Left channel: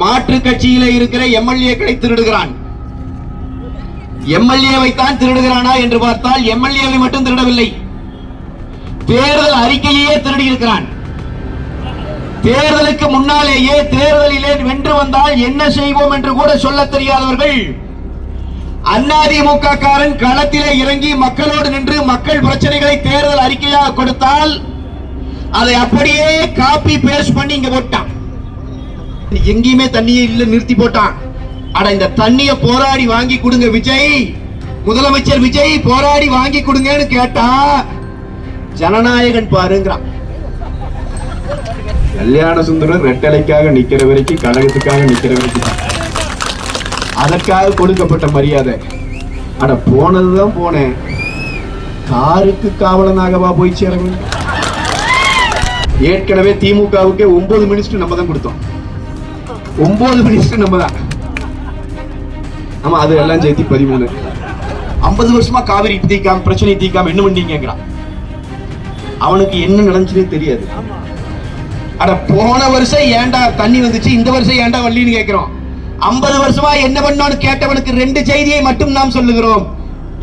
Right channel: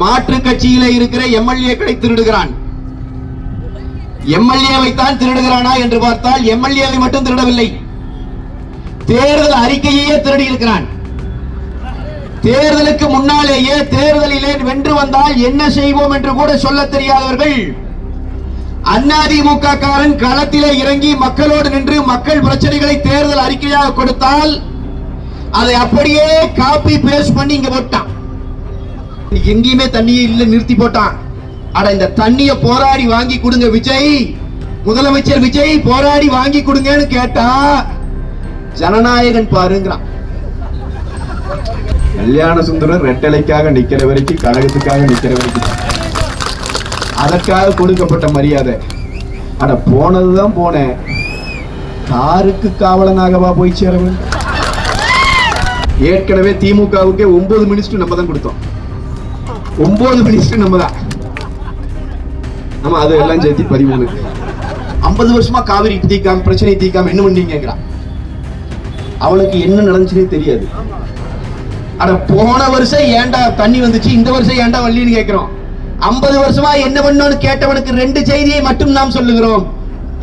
மாற்று கட்சியிலே இருக்கிற எம்எல்ஏக்களை திருடுகிறான். எம்எல்ஏவை தான் திருடுகிறானா என்று பார்த்தால் எம்எல்ஏவை மட்டும் திருடவில்லை, தேர்தல் அறிக்கையே திருடி இருக்கிறான். தேர்தலுக்கு முன்னாலேயே தேர்தலிலே வென்று வந்தால் என்ன செய்வோம் என்று கூட சொல்ல தெரியாதவர்கள் அதிமுக காரன் களத்திலே இறங்கி மக்களோடு நின்று மக்கள் பிரச்சனைகளை தேர்தல் அறிக்கையாக கொடுத்தால் அதை அப்படியே காப்பி பேஸ்ட் பண்ணி இங்க போட்டான். எங்கேயுமே தண்ணியை இல்ல நிறுத்தி போட்டான். அட இந்த தண்ணிய போராடி வாங்கி கொடுங்க விஜய், முதலமைச்சர் விஜய் போராடி வாங்கி கொடுங்கன்னு கேட்டா ஜனநாயகன் பாருங்கிறான். கல்யாண சுந்தரம் ரெட்டலைக்காக நிக்கிற வரைக்கும், கழகத்துக்காக நிக்கிற வரைக்கும் அதற்காக கொடுக்கப்பட்ட மரியாதை. அட போனதுதான் போனேன், காருக்கு காவலனாகவா போய் சேரணும். ஏற்கனவே திமுகவுக்கு 9 மினிஸ்டர் நம்ம தான் கொடுத்தோம், 9 மினிஸ்டர் நம்ம தான். நம்ம அது எல்லாம் சேர்த்து 13. 50 வருஷமா காவிரி தீக்காம பிரச்சனை தீக்காம என்ன பண்ணீங்க? அவனுக்கு என்ன நடந்துச்சுன்னே தெரியாது. அட போன வருஷம் ஏண்டா தண்ணி வந்துச்சு, இந்த வருஷம் ஏண்டா வள்ளின்னு கேட்கிறோம். 50 வருஷமா என்ன பண்ணோன்னு கேட்டவனுக்கு 2 செய்தியை மட்டும் நாம் சொல்லுகிறோம்.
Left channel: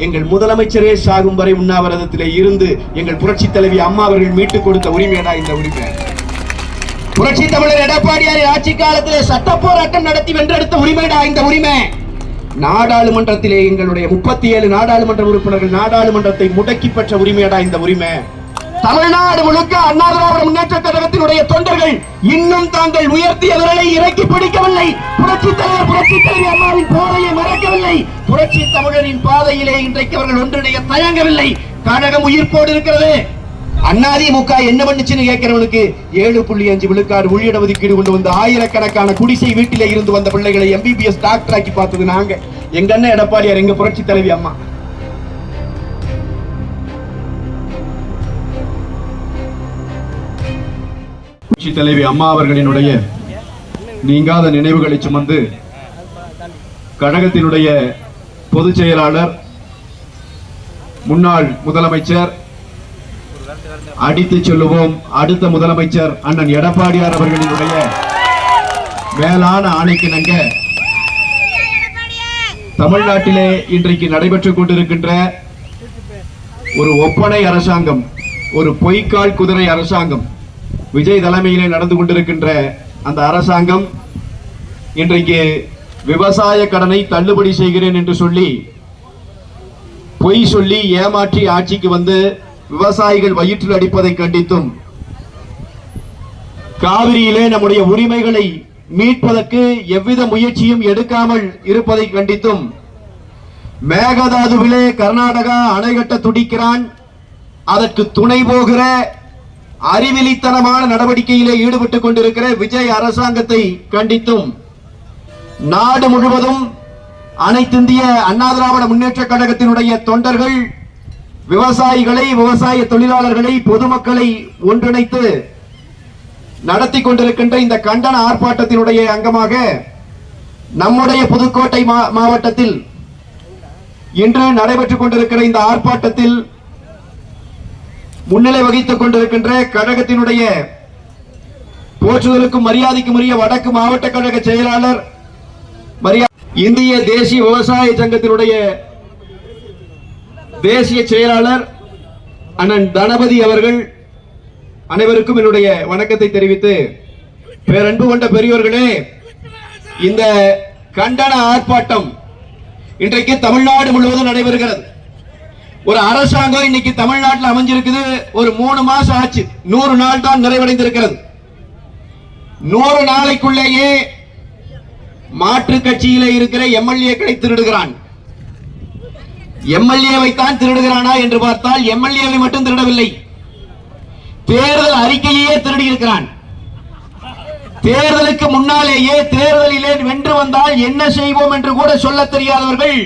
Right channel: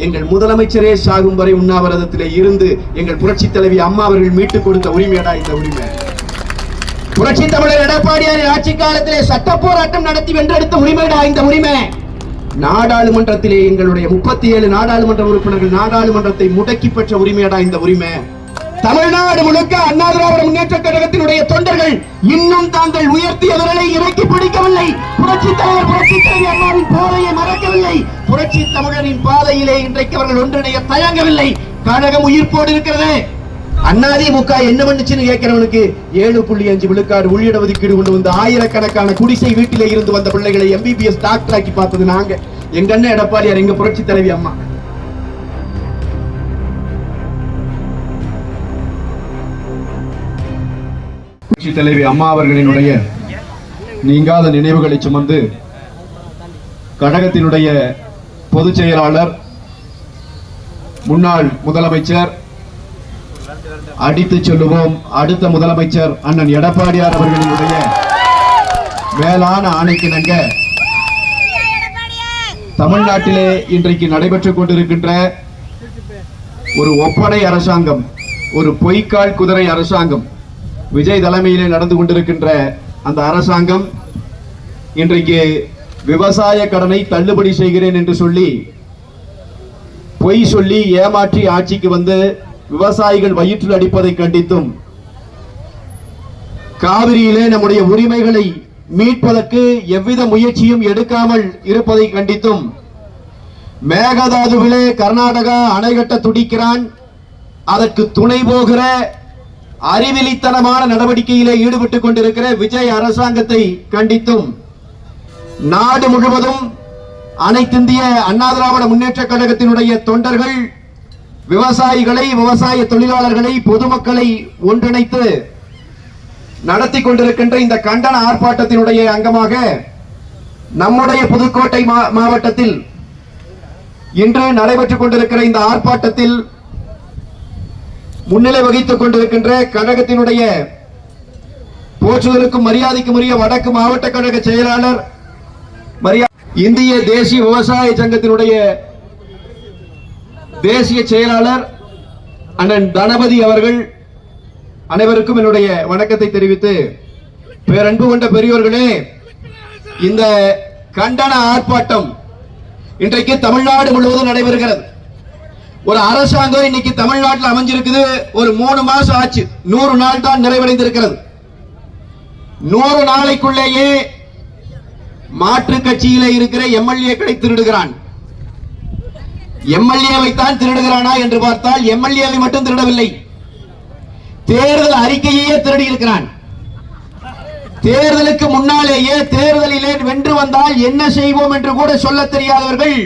எங்கள் முதலமைச்சரே சாகும் வரை உண்ணாவிரதத்திலே இருந்து எங்கள் புரட்சி தலைவி அம்மா அவர்கள் மீட்டுக் கொடுத்த உரிமையடா இந்த உரிமை. புரட்சி தமிழர் எடப்பாடியார் ஆட்சி காலத்திலே சட்ட போராட்டம் நடத்தி வென்றெடுத்த உரிமைடா இந்த உரிமை. நாடாளுமன்றத்திலே எங்களுடைய 37 நாடாளுமன்ற உறுப்பினர்கள் நாடாளுமன்றத்தை முடக்கி பெற்ற உரிமையடா இந்த உரிமை. தமிழ்நாடு முழுக்க அண்ணா திராவிட முன்னேற்ற கழகத்தினுடைய தொண்டர்கள் இன்னும் தாங்கள் உயர்த்திய விரலை இறக்கி பிடிக்கவில்லை. புரட்சி தலைவர் புரட்சி தலைவி அம்மாவின் பாதையை மறக்கவில்லை. புரட்சி தமிழரின் பாதையிலே இன்றைக்கு அவர்கள் ஒன்றிணைய தயங்கவில்லை. கழகம் உயிர்ப்போடு இருக்கிறது. அதிமுக என்ன பண்ணுச்சுன்னு கேட்கிறவனுக்கு 7.5 விழுக்காடு உள்ளிட ஒதுக்கீடு கொண்டு வந்து ஆயிரக்கணக்கான குடிசை வீட்டிலே இருந்து வந்த பிள்ளைகளை MBBS டாக்டர் ஆக்கி பார்த்தது நாங்க. எங்க அண்ணன் எடப்பாடியார், எங்க புரட்சி தலைவி அம்மா. புரட்சி தலைவி அம்மா அவர்களினுடைய நீங்காத நினைவுகளை சுமந்து கழகத்தினுடைய பொதுச் செயலாளர், முன்னாள் முதலமைச்சர், அடித்து சொல்லுவோம் அடுத்த முதலமைச்சர் அண்ணன் எடப்பாடியார் அவர்களினுடைய மேலான ஆணைக்கிணங்க தமிழ்நாட்டிலே இன்றைக்கு நடைபெற்றுக் கொண்டிருக்கின்ற ஒரு ஒப்பனை அரசாங்கம், ஒரு பொய்க்கால் குதிரை அரசாங்கம், விஜய் தலைமையிலே நடந்து கொண்டிருக்கின்ற அந்த அரசாங்கம் இன்றைக்கு விவசாய கடனை தள்ளுபடி செய்கிறேன் என்று சொல்லி பொய் சொல்லி ஏமாற்றி ஆட்சிக்கு வந்து விவசாயிகள் வயிற்றில் அடிப்பதை கண்டித்தும், காவிரியிலே நம்முடைய உரிமைகளை மீட்பதற்கு எவ்வித முயற்சியும் எடுக்காமல் இருப்பதை கண்டித்தும், மேகதாதுவிலே கர்நாடகா அணை கட்ட துடிக்கிறான், அதற்கு துணை போகிற அறிவிலித்தனமான நடவடிக்கையிலே ஈடுபட்டுக் கொண்டிருக்கிற விஜய் அரசாங்கத்தை கண்டித்தும் நாடு முழுவதும் அனைத்திந்திய அண்ணா திராவிட முன்னேற்ற கழகத்தினுடைய தொண்டர்கள் விவசாயிகளை, விவசாய தொழிலாளர்களை, பொதுமக்களை ஒன்றிணைத்து நடத்தி கொண்டிருக்கின்ற இந்த கண்டன ஆர்ப்பாட்டத்தினுடைய அங்கமாக நம்முடைய புதுக்கோட்டை மாவட்டத்தில் இன்று நடைபெற்றுக் கொண்டிருக்கிற இந்த ஆர்ப்பாட்டத்தில் முன்னிலை வகித்துக் கொண்டிருக்கின்ற கழகத்தினுடைய போற்றுதலுக்கும் மரியாதைக்கும் உரிய வடக்கு மாவட்ட கழக செயலாளர், இந்திய தேசிய விவசாய சங்கத்தினுடைய தேசிய செயலாளர் அண்ணன் தனபதி அவர்கள் அனைவருக்கும் என்னுடைய வணக்கத்தை தெரிவித்து, பேரன்பு கொண்ட பெரியோர்களே, இந்த கண்டன ஆர்ப்பாட்டம் இன்றைக்கு தமிழ்நாடு முழுவதும் நடைபெறுகிறது. ஒரு அரசாங்கம் இன்னைக்கு தமிழ்நாட்டில் அமைஞ்சிருக்குது, ஒரு 3 மாசம் ஆச்சு, 100 நாள் தான் நிறைவடைந்திருக்கிறது. 100 நாளைக்குள்ளேயே மாற்று கட்சியிலே இருக்கிற எம்எல்ஏக்களை திருடுகிறான். எம்எல்ஏவை தான் திருடுகிறானா என்று பார்த்தால் எம்எல்ஏவை மட்டும் திருடவில்லை, தேர்தல் அறிக்கையே திருடி இருக்கிறான். தேர்தலுக்கு முன்னாலேயே தேர்தலிலே வென்று வந்தால் என்ன செய்வோம் என்று கூட சொல்ல தெரியாதவர்கள்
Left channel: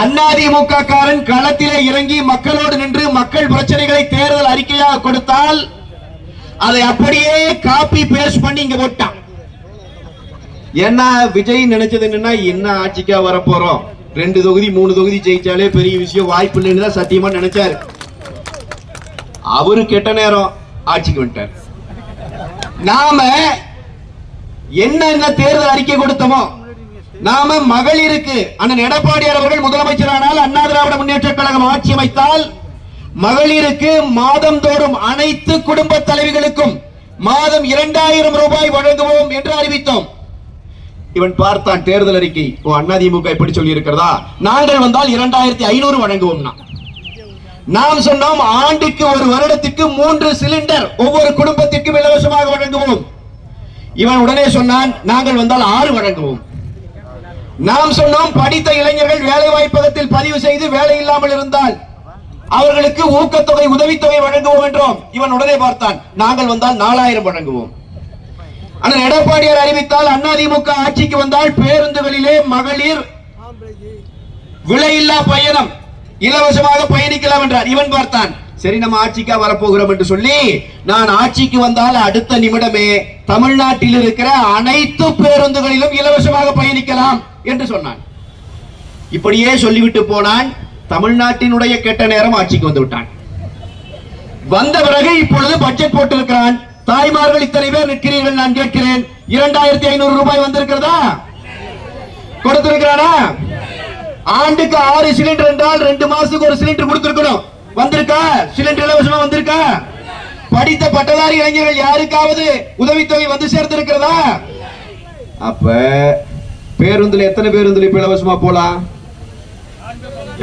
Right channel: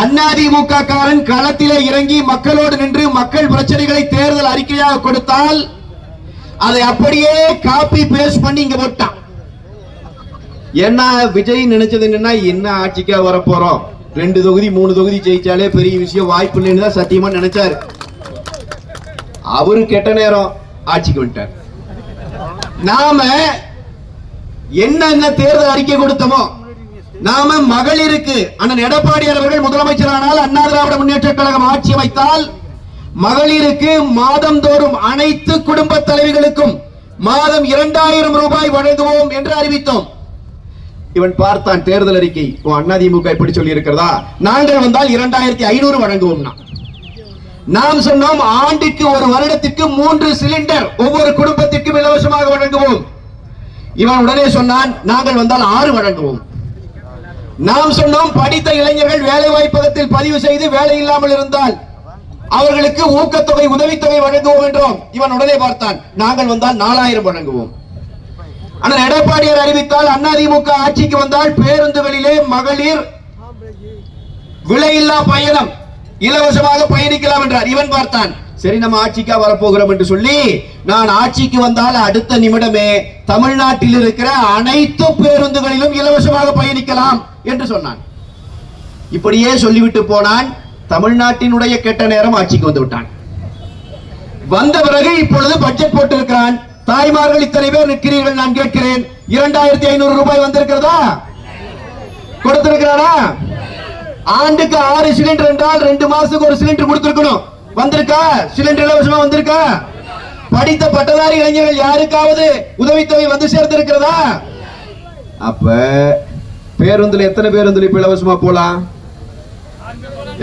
அதிமுக காரன் களத்திலே இறங்கி மக்களோடு நின்று மக்கள் பிரச்சனைகளை தேர்தல் அறிக்கையாக கொடுத்தால் அதை அப்படியே காப்பி பேஸ்ட் பண்ணி இங்க போட்டான். என்ன விஜய் நினைச்சது என்னன்னா, என்ன ஆட்சிக்கா வர போறோம், 2 தொகுதி 3 தொகுதி ஜெயிச்சாலே பெரிய விஷயம், வாய்ப்பு இல்லைன்னு தான் சத்தியமா நினைச்சாரு. அவரு கெட்ட நேரம் ஆட்சிக்கு வந்துட்டார். நாம என்ன தேர்தல் அறிக்கை கொடுத்தோமோ நாம மகளிருக்கு அண்ணன் எடப்பாடியார் அவர்கள் முதலமைச்சரானால் அண்ணா திராவிட முன்னேற்ற கழகம் ஆட்சி அமைத்தால் மகளிருக்கு மாதந்தோறும் அனைத்து குடும்ப தலைவிகளுக்கும் மாதம் 2000 ரூபாய் வழங்குவோம் என்று அறிவித்தோம். இவன் பார்த்தான் தேர்தல் அறிக்கை, அதிமுக இப்படி சொல்லி இருக்கிறதா, நாங்கள் வந்தால் 2500 வழங்குவோம். நாம் சொன்னோம் ஆண்டுக்கு ஒரு வருடத்துக்கு 3 சிலிண்டர் ஒவ்வொரு குடும்பத்திற்கும் இலவசமாக வழங்குவோம். இவன் உடனே சொன்னான் நாங்கள் வந்தால் 6 வழங்குவோம். நாம் சொன்னோம் படித்த இளைஞர்கள் வேலை வாய்ப்பகத்தில் பதிவு செய்து வேலை இல்லாமல் இருந்தால் அவர்களுக்கு ஊக்கத்தொகை உதவித்தொகை வழங்குவோம் என்றோம். இவன் உடனே பார்த்தான் நாங்கள் வந்தால் 4000 வழங்குவோம். ஆனால் எடப்பாடியார் அறிவித்தால் அதிமுக ஆட்சிக்கு வந்தால் பேருந்துகளிலே மகளிர் விலையில்லா பயணம் இலவசமாக பயணிக்கலாம் என்றார். இவன் பார்த்தான் சரி நம்ம ஆட்சிக்கா வரப்போகிறோம் என்று சொல்லி நான் ஆட்சிக்கு வந்தால் அடுத்த நிமிடமே தமிழ்நாட்டில் இருக்கிற அனைத்து பேருந்துகளிலும் இலவசமாக பயணிக்கலாம் என்று சொன்னான். இப்படியே சொல்லிவிட்டு போனான். தமிழ்நாட்டினுடைய கெட்ட நேரம் ஆட்சிக்கு வந்து விட்டான். வந்த பிறகு இப்பொழுது பட்ஜெட் போட்டிருக்கிறான். தாய்மார்கள் இத்தனை பேர் நிற்கிறீர்கள், நான் கேட்கிறேன் 2500 ரூபாய் வந்திருக்கிறதா? கொடுத்திருக்கிறானா? ஆண்டுக்கு 6 சிலிண்டர் என்றால் 2 மாசத்துக்கு ஒரு சிலிண்டர் கொடுத்திருக்கணும். வந்திருக்கா? சிலிண்டர் இலவசமா வந்திருக்கா? படித்த பட்டதாரி இளைஞர்கள் யாருக்காவது உதவித்தொகை வந்து சேர்த்திருக்கிறதா? அப்ப பேருந்துல எத்தனை பேருந்துல இப்ப இலவசமா போலாம்?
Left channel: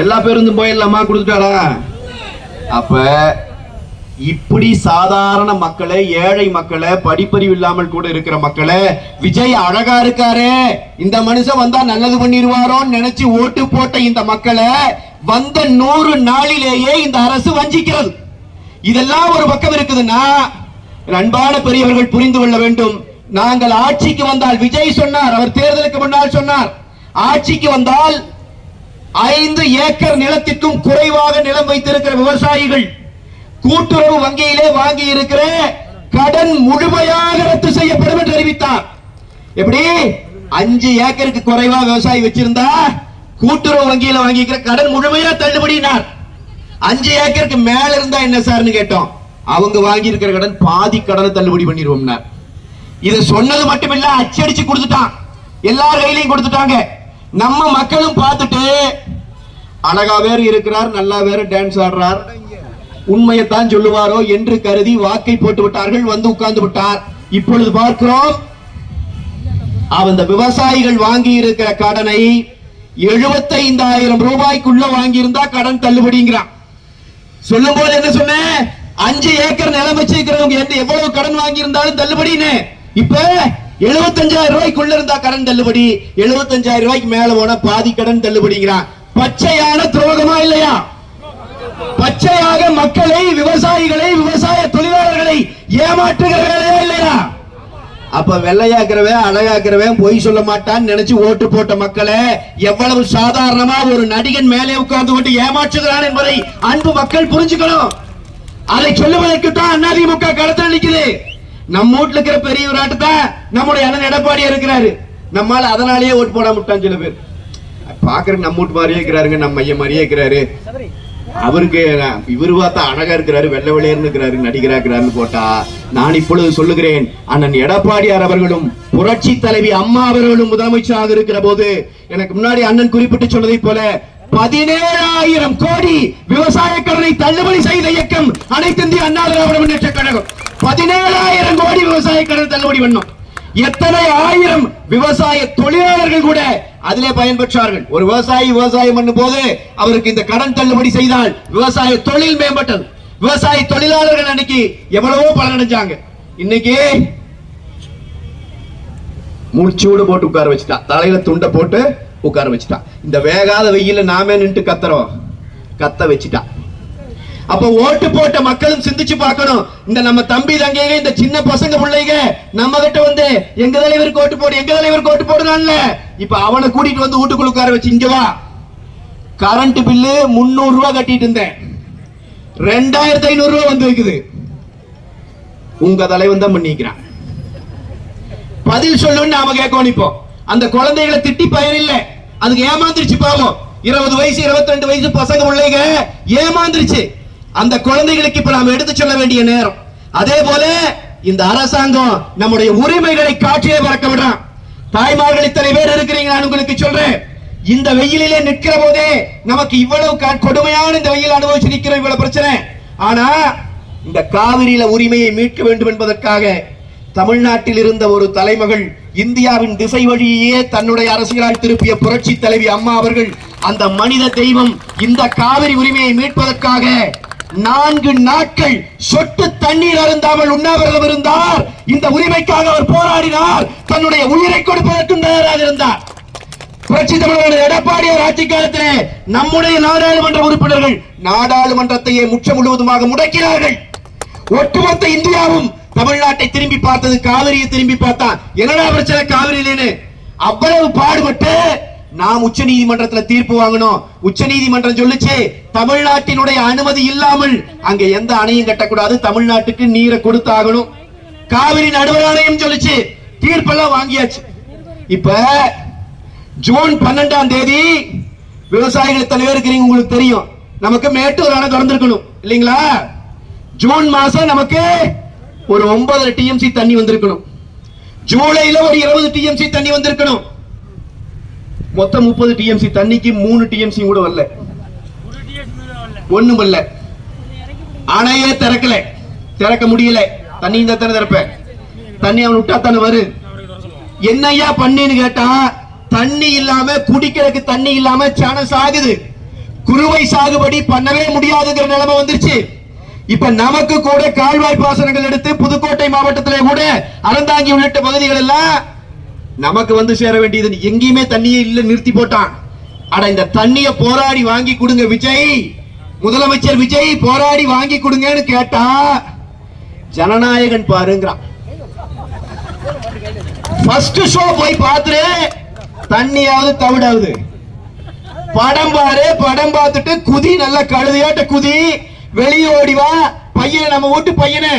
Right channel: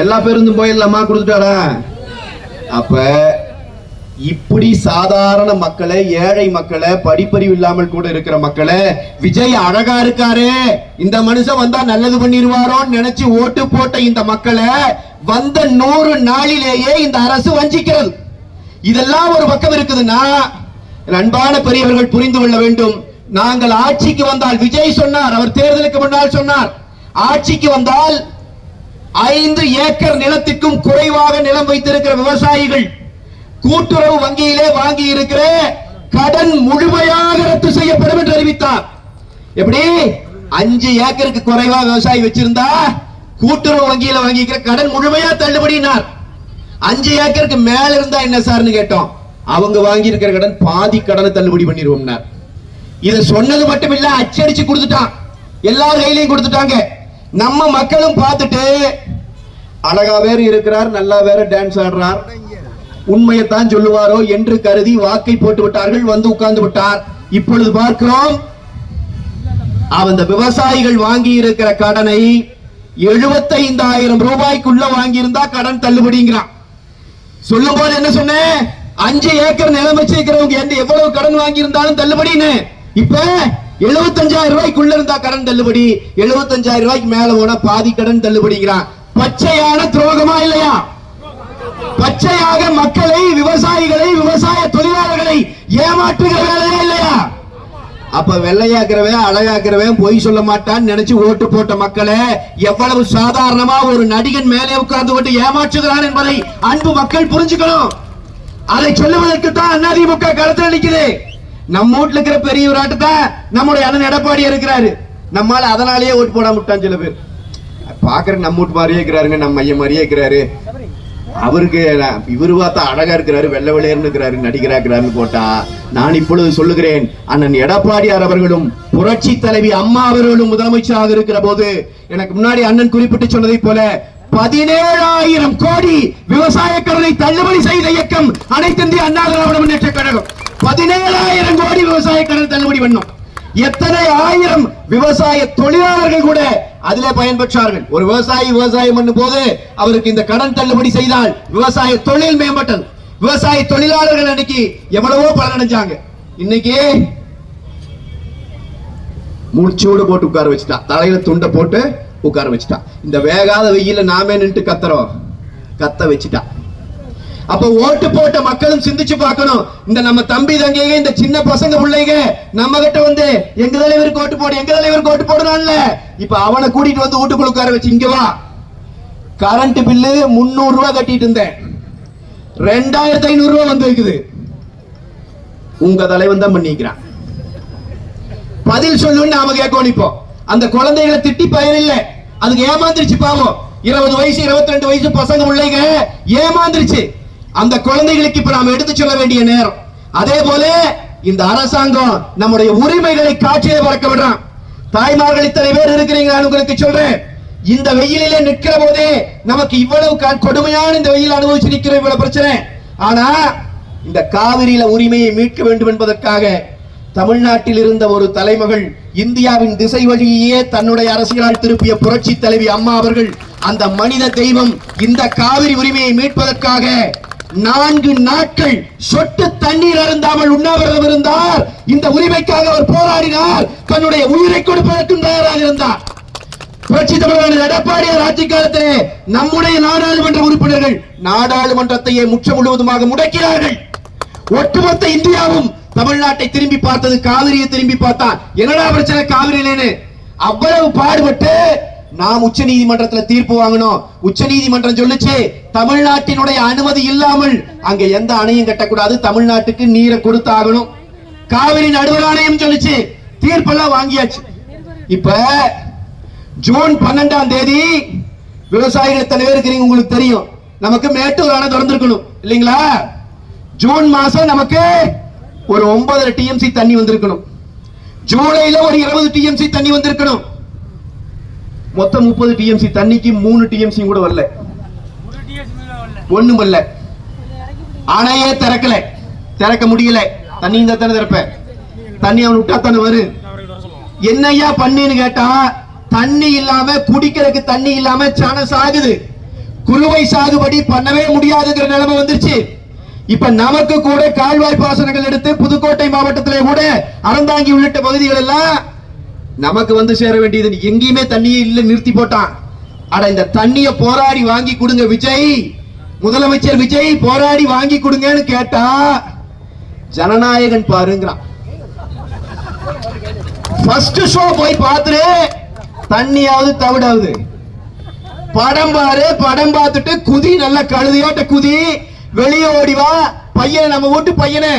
எல்லா பேருந்தும் போயிடலாமா? கொடுத்துட்டாரா? அப்ப இப்படி சாதாரண மக்களை, ஏழை மக்களை, படிப்பறிவு இல்லாமல் கூட இருக்கிற மக்களை விஜய் அழகா இருக்காரு, இந்த மனுஷன் வந்தா நல்லது பண்ணிடுவாரோன்னு நினைச்சு ஓட்டு போட்ட இந்த மக்களை வந்த 100 நாளிலேயே இந்த அரசு வஞ்சிக்கிறது. இதெல்லாம் ஒரு பக்கம் இருக்குதுன்னா அன்பான பெரியவர்கள் புரிந்து கொள்ள வேண்டும். நாங்கள் ஆட்சிக்கு வந்தால், விஜய் சொன்னார், அவர் தேர்தலுக்கு முன்னால் சொன்னார், ஆட்சிக்கு வந்தால் 5 ஏக்கர் நிலத்திற்கும் குறைவாக நிலம் வைத்திருக்கிற விவசாயிகள் கூட்டுறவு வங்கியிலே வாங்கி இருக்கிற கடன் முழுமையாக ரத்து செய்யப்படும் என்று அறிவித்தார். எப்படி? 5 ஏக்கருக்கு குறைவா விவசாயி வச்சிருந்தா கூட்டுறவு வங்கியில வாங்கிக்கிற கடன் முழுமையா தள்ளுபடினார். 5 ஏக்கருக்கு மேல இருந்தா என்ன சார்னு கேட்டோம். அவங்க வாங்கி இருக்கிற கடன் பாதி கடனை தள்ளுபடி பண்ணிடுவோம். இத சொன்னது மட்டுமில்ல, அச்சடிச்சு கொடுத்துட்டான், எல்லார் கையிலையும் கொடுத்துட்டாங்க. நம்ம மக்களும் பார்த்துட்டு அழகா வேற இருக்கிறார், நல்லா வேற டான்ஸ் ஆடுறார், உண்மையைத்தான் சொல்லுவாரோ என்று கருதி வாக்கை போட்டு விட்டார்கள், வந்து உட்கார்ந்து விட்டார். இப்பொழுது பார்க்கிறோம் அந்த விவசாயிகள் வாங்கி இருக்கிற கடனை 75,000 ரூபாய்க்குள்ள வாங்கி இருந்தா கடன் தள்ளுபடிங்கிறான். சொல்லும் போது என்ன சொன்னேன்? 5 ஏக்கர் நிலம் வச்சிருக்கிறவங்க எவ்வளவு கடன் வாங்கி இருந்தாலும் தள்ளுபடின்னு. இப்ப 75,000 ரூபாய்க்குள்ள இருந்தா கடன் தள்ளுபடி, 75,000 ரூபாய்க்கு மேல போனா பாதி கடன் தள்ளுபடிங்கிறான். பச்சையான துரோகமா இல்லையா? பச்சையாக மக்களை, விவசாயிகளை, விவசாய தொழிலாளர்களை ஏமாற்றுகிற வேலையா இல்லையா? அப்ப வெள்ளையாக்குறவன், அழகாக்குறவன், பொய் சொல்ல மாட்டான்னு நினைச்சு ஓட்டு போட்ட மக்களை எவ்வளவு சாதாரணமா ஒரு நடிகன் மேலே உட்கார்ந்து கொண்டு ஏமாற்றுகிறான் என்பதை அன்பு மக்கள் புரிஞ்சுக்கணும். அதை சொல்லுவதற்கு தான் அதிமுக களத்தில் நிக்குது. நம்ம வீட்டுல இருக்கிற பெரிய விராட்டுதான் நம்முடைய அண்ணன் எடப்பாடியா இருக்கிறாரு. நம்மால அதனாலேயே ஓட்டு போட முட்டான் சில பேர். பாக்குற நம்ம வீட்டு மாதிரியே இருக்கிறாருங்க, நம்ம ஐயன் மாதிரியே இருக்கிறாரு, அவருக்கு இவரு பார்த்தா அழகா இருக்கிறாரு, வெள்ளை வெளியேன்னு இருக்கிறாரு, நடிகராக்குறாருன்னு போட்டா, நான் இப்பொழுது சொல்லுகிறேன், அண்ணன் எடப்பாடியார் அவர்களும் புரட்சி தலைவி அம்மா அவர்களும் முதலமைச்சராக இருக்கிற போது எனக்கு முன்னாடி அண்ணன் குறிப்பிட்டு சொன்னதை போல 17,000 கோடி விவசாய கடனை தள்ளுபடி செய்த இயக்கம் அனைத்து இந்திய அண்ணா திராவிட முன்னேற்ற கழகம். 17,000 கோடி விவசாய கடன் தள்ளுபடி பண்ணும். எத்தனை ஆயிரம் விவசாய தொழிலாளர்கள் கூட அதிலே பயன்பெற்றார்கள். ஒரு விவசாயி விவசாயம் பண்ணும் போது அவருக்கு இந்த கடன் தள்ளுபடி செய்தால் விவசாய தொழில் மேம்பட்டது. விவசாய தொழிலாளர்கள் அன்னைக்கு எவ்வளவோ பலனடைஞ்சாங்க. இன்னைக்கு முடிச்சோடு போட்டு உட்கார வச்சுட்டான், தலையில துண்டை போட்டு உட்கார வச்சுட்டான். இந்த வேகாத வெயில நாமே நின்று கத்துறோம், கத்த வச்சுட்டான். அப்ப ஓட்டு போட்ட மக்களும் சிந்திச்சு பார்க்கணும். இந்த நம்ம தம்பி தங்கைங்க, இந்த சின்ன பசங்க பிள்ளைங்க நம்ம கிட்ட வந்து எங்க தலைவருக்கு ஓட்டு போடு, எங்க தலைவருக்கு ஓட்டு போடுறான்ல, இப்ப அவனை கூட்டிட்டு வந்து வீட்டுக்குள்ள உட்கார வச்சு இங்க வா, கரண்ட் பில்லு 300 ரூபாய் கட்டிட்டு இருந்தேன், 2,500 ரூபாய் வந்து வைக்குது, உங்க தலைவன் தான் பண்ணிக்கிறான், பதில் சொல்லுன்னு நாம கேட்கணும். இப்போ அந்த குழந்தைகளை திட்டி பயன் இல்லை, அதுக்கு ஏமாந்துருச்சு பாவம். 20 வயசு 22 வயசு பசங்க பிள்ளைங்க ஏமாந்துருச்சு. அந்த குழந்தைகளுக்கு இப்ப நாம எடுத்து சொல்ல வேண்டிய நேரம். அதே போல இந்த அரசாங்கம் நம்முடைய உரிமைகளை காற்றிலே பறக்க விடுறான். தாய்மார்கள் இத்தனை பேர் இருக்கிறீங்க, நான் உங்களுக்கு சொல்றேன், இந்த வெயிலிலே நிற்கிற போதே நமக்கு இவ்வளவு கொடுமையான இந்த வெயில் அனுபவிச்சு நிற்கிற இவ்வளவு பிரச்சனை. ஆனா இந்த காவிரியில உரிமையை மீட்க வேண்டும் என்பதற்காக தமிழ்நாட்டில் இருந்த ஒரு தலைமகள் இந்தியாவின் திசை வழியே தன்னுடைய அரசியலால் திருப்பிய புரட்சி தலைவி அம்மா அவர்கள், அந்த மனித தெய்வம் இந்த காவிரி உரிமையை மீட்பதற்காக 4 நாட்கள் சொட்டு தண்ணீர் அருந்தாமல் உண்ணாவிரதம் இருந்தார். இந்த உரிமைக்காக அவர் போராடினார். தன்னுடைய உயிரை கொடுப்பதற்கும் தயாராக இருந்தார். புரட்சி தமிழக எடப்பாடியார் ஆட்சி காலத்திலே நம்முடைய நாடாளுமன்ற உறுப்பினர்கள் நாடாளுமன்றத்தையே முற்ற முழுவதுமாக முடக்கினார்கள். ஒட்டுமொத்த இந்தியாவும் தமிழ்நாட்டை திரும்பி பார்த்தது, காவிரியை திரும்பி பார்த்தா என்னடா பிரச்சனை காவிரியிலேன்னு அவ்வளவு பாடுபட்டு நாம் உச்ச நீதிமன்றத்தில் தீர்ப்பு வாங்கணும். உச்ச நீதிமன்றம் சொல்லுச்சு, தமிழ்நாட்டினுடைய அனுமதி இல்லாமல் அங்க எந்த அணையும் கட்டக்கூடாது, தமிழ்நாட்டுக்கு நீரை கொடுத்தாகணும். காவிரி நடுவர் ஆணையம் சொல்லுச்சு, தீர்ப்பெல்லாம் வாங்கியாச்சு. இப்ப ஜூன் 12ஆம் தேதி விவசாயிகள் தலைவர் இருக்கிறீங்க, உங்களுக்கு தெரியும், நமக்கு மேட்டூர் அணை திறந்திருக்கணும் இல்லைங்களா? ஜூன் மாசம் நமக்கு ஒரு 9 டிஎம்சி தண்ணி வந்திருக்கணும். ஜூலைல ஒரு 20 டிஎம்சி தண்ணி வந்திருக்கணும். மொத்தம் 30 டிஎம்சி தண்ணிக்கு 3 டிஎம்சி கூட வரல, ஒண்ணும் இல்ல. அணையே திறக்கல, திறக்க முடியல. தண்ணி இந்த தானே திறப்ப, தண்ணி அவன் விட்டா தானே வரும். என்னையா பண்ணின்னு கேட்டா, தண்ணி இல்லாம குடிக்கிறதுக்கு தண்ணி இல்லாம சன சாகுது. குறுவை சாகுபடி பண்ணவே முடியாதுங்கிற நிலைமை வந்துருச்சு. இப்ப நமக்கு கூட கால்வாய் பாசனங்கள் எடுத்து புதுக்கோட்டை மாவட்டத்திலே கூட அறந்தாங்கி உள்ளிட்ட பகுதிகள் எல்லாம் நமக்கு வந்து சேர வேண்டியது, எங்கேயுமே தண்ணியே இல்ல, நிறுத்தி போட்டான். ஆனா இந்த தண்ணிய போராடி வாங்கி கொடுங்க விஜய், முதலமைச்சர் விஜய் போராடி வாங்கி கொடுங்கன்னு கேட்டா ஜனநாயகன் பாருங்கிறான். ஃபர்ஸ்ட் ஷோ போய் பார்த்துட்டு தண்ணியாவது தவிடாவது, படம் பாரு, படம் பார்த்துட்டு குதி, நல்ல கழுதையாட்ட குதி, வெளியே ஓடிவா. பையன், நம்ம வீட்டு பையனை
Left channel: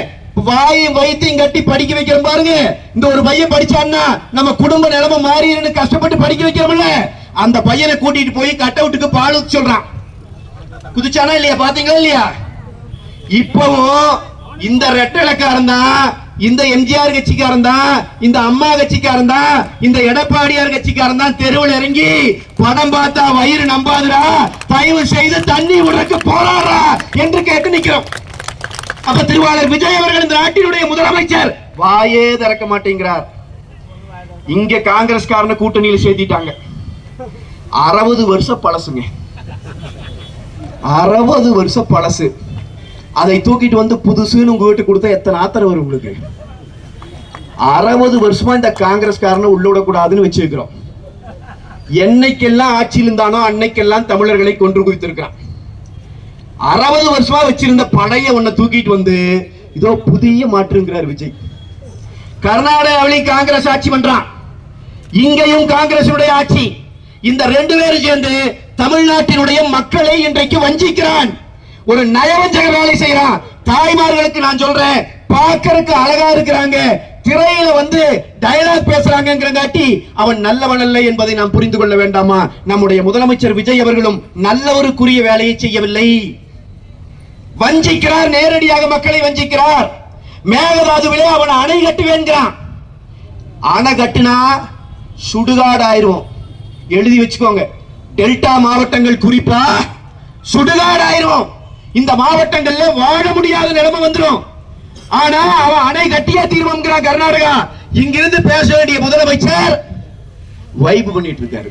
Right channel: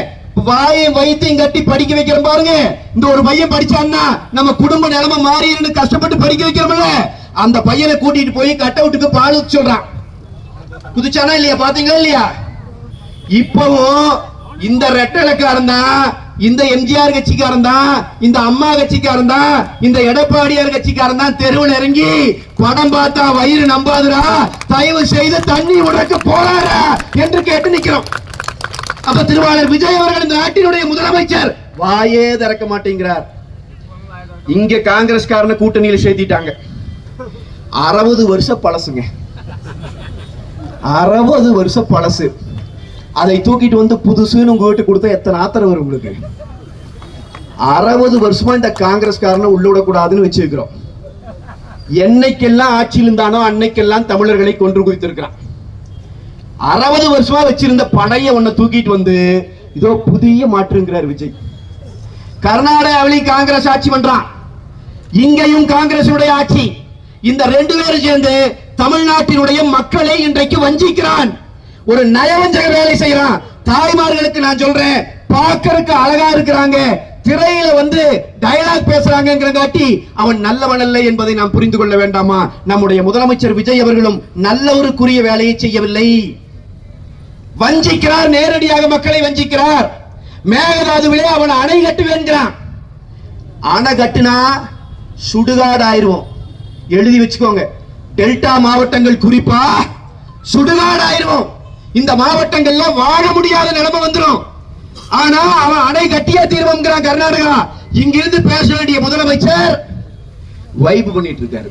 வாயும் வயிற்றையும் கட்டி படிக்க வைக்கிற பாருங்க. இந்த ஒரு பையன் படிச்சான்னா நம்ம குடும்ப நிலைமை மாறிடுன்னு கஷ்டப்பட்டு படிக்க வைக்கிறோம்ல, அந்த பையனை கூட்டிட்டு போய் கட் அவுட்டுக்கு பால் ஊத்த சொல்றான். குதிச்சானா இல்லையா? பாத்தீங்களா இல்லையா? இப்பவும் இந்த ரெட்டலக்காரன் தான், இந்த எம்ஜிஆர் கட்சிக்காரன் தான், இந்த அம்மா கட்சிக்காரன் தான், இந்த எடப்பாடியார் கட்சிக்காரன் தான் தெருவில் இறங்கி படம் பார்த்தா வயிறு நம்பாதுரா, தயவு செய்து தண்ணி விடுறதுக்கு போராடுறா என்று கேட்டு நிக்கிறோம். அப்ப திருவாளர் விஜய் அவர்கள் இந்த நாட்டினுடைய முதலமைச்சர் வாயே திறக்க மாட்டேங்கிறார். இங்க காங்கிரஸ்காரனை கூட்டணியில் சேர்த்திட்டாங்க. 60 வருஷம் பழசுங்க, 60 வருஷம் பழசு. அதை தூக்கிட்டு வந்து புதுசுன்னு உங்க வீட்டு கொடுத்தா எத்தனை ஆத்திரம் வரும் உங்களுக்கு? 60 வருஷமா இந்த காங்கிரஸ்காரனை உள்ள விடக்கூடாதுன்னு வச்சு வைக்கிறோம். என்னைக்கெல்லாம் ஆட்சியில் இருந்தானோ அன்னைக்கெல்லாம் தமிழர்களை கொன்று குவித்திருக்கிறான். 60 வருஷமா வச்சிருந்த படைய ஒன்ன தூக்கிட்டு வந்து இதோ புதிய மாற்றுங்கிறார் விஜய். கர்நாடகாவிலையும் காங்கிரஸ் ஆட்சி பண்றான், இங்கேயும் காங்கிரஸ் ஆட்சி. இந்த 2 பேரும் சேர்ந்து தமிழ்நாட்டினுடைய மக்களை இன்றைக்கு வஞ்சிக்கிறான். ஒரு நயவஞ்சக வேலை செய்யறான். தாய்மார்களுக்கு நான் சொல்றேன், பார்க்கறதுக்கு அழகா இருக்கிறாங்க, திரையில வந்து டயலாக் பேசுறாங்கிறங்காட்டி அவன் நல்லவன் அல்ல என்பதை நாம் புரிந்து கொள்ள வேண்டாமா? நம்முடைய முதலமைச்சர் விஜய் அவர்களும் நல்ல ஒரு குறிய வேலையை செய்யவில்லை, வஞ்சிக்கிறார், நேரடியாக மக்களை வஞ்சிக்கிறார். மேகதாதுவிலே அவன் அணை கட்டுவேன்கிறான். அணை கட்டுனா சுடுகாடு ஆயிரும், எழுதி வச்சுக்கோங்க. டெல்டா மாவட்டங்கள் குறிப்பா சுடுகாடு ஆயிரும். இந்த மாவட்டங்கள்ல வாழ முடியாத நிலைமை வந்துடும். ஆனா அவன் அணை கட்டியா தீர்மானம் கர்நாடகா. இங்கிருந்து பேச வேண்டிய முதலமைச்சர் வைப் பண்ணிட்டு இருக்காரு,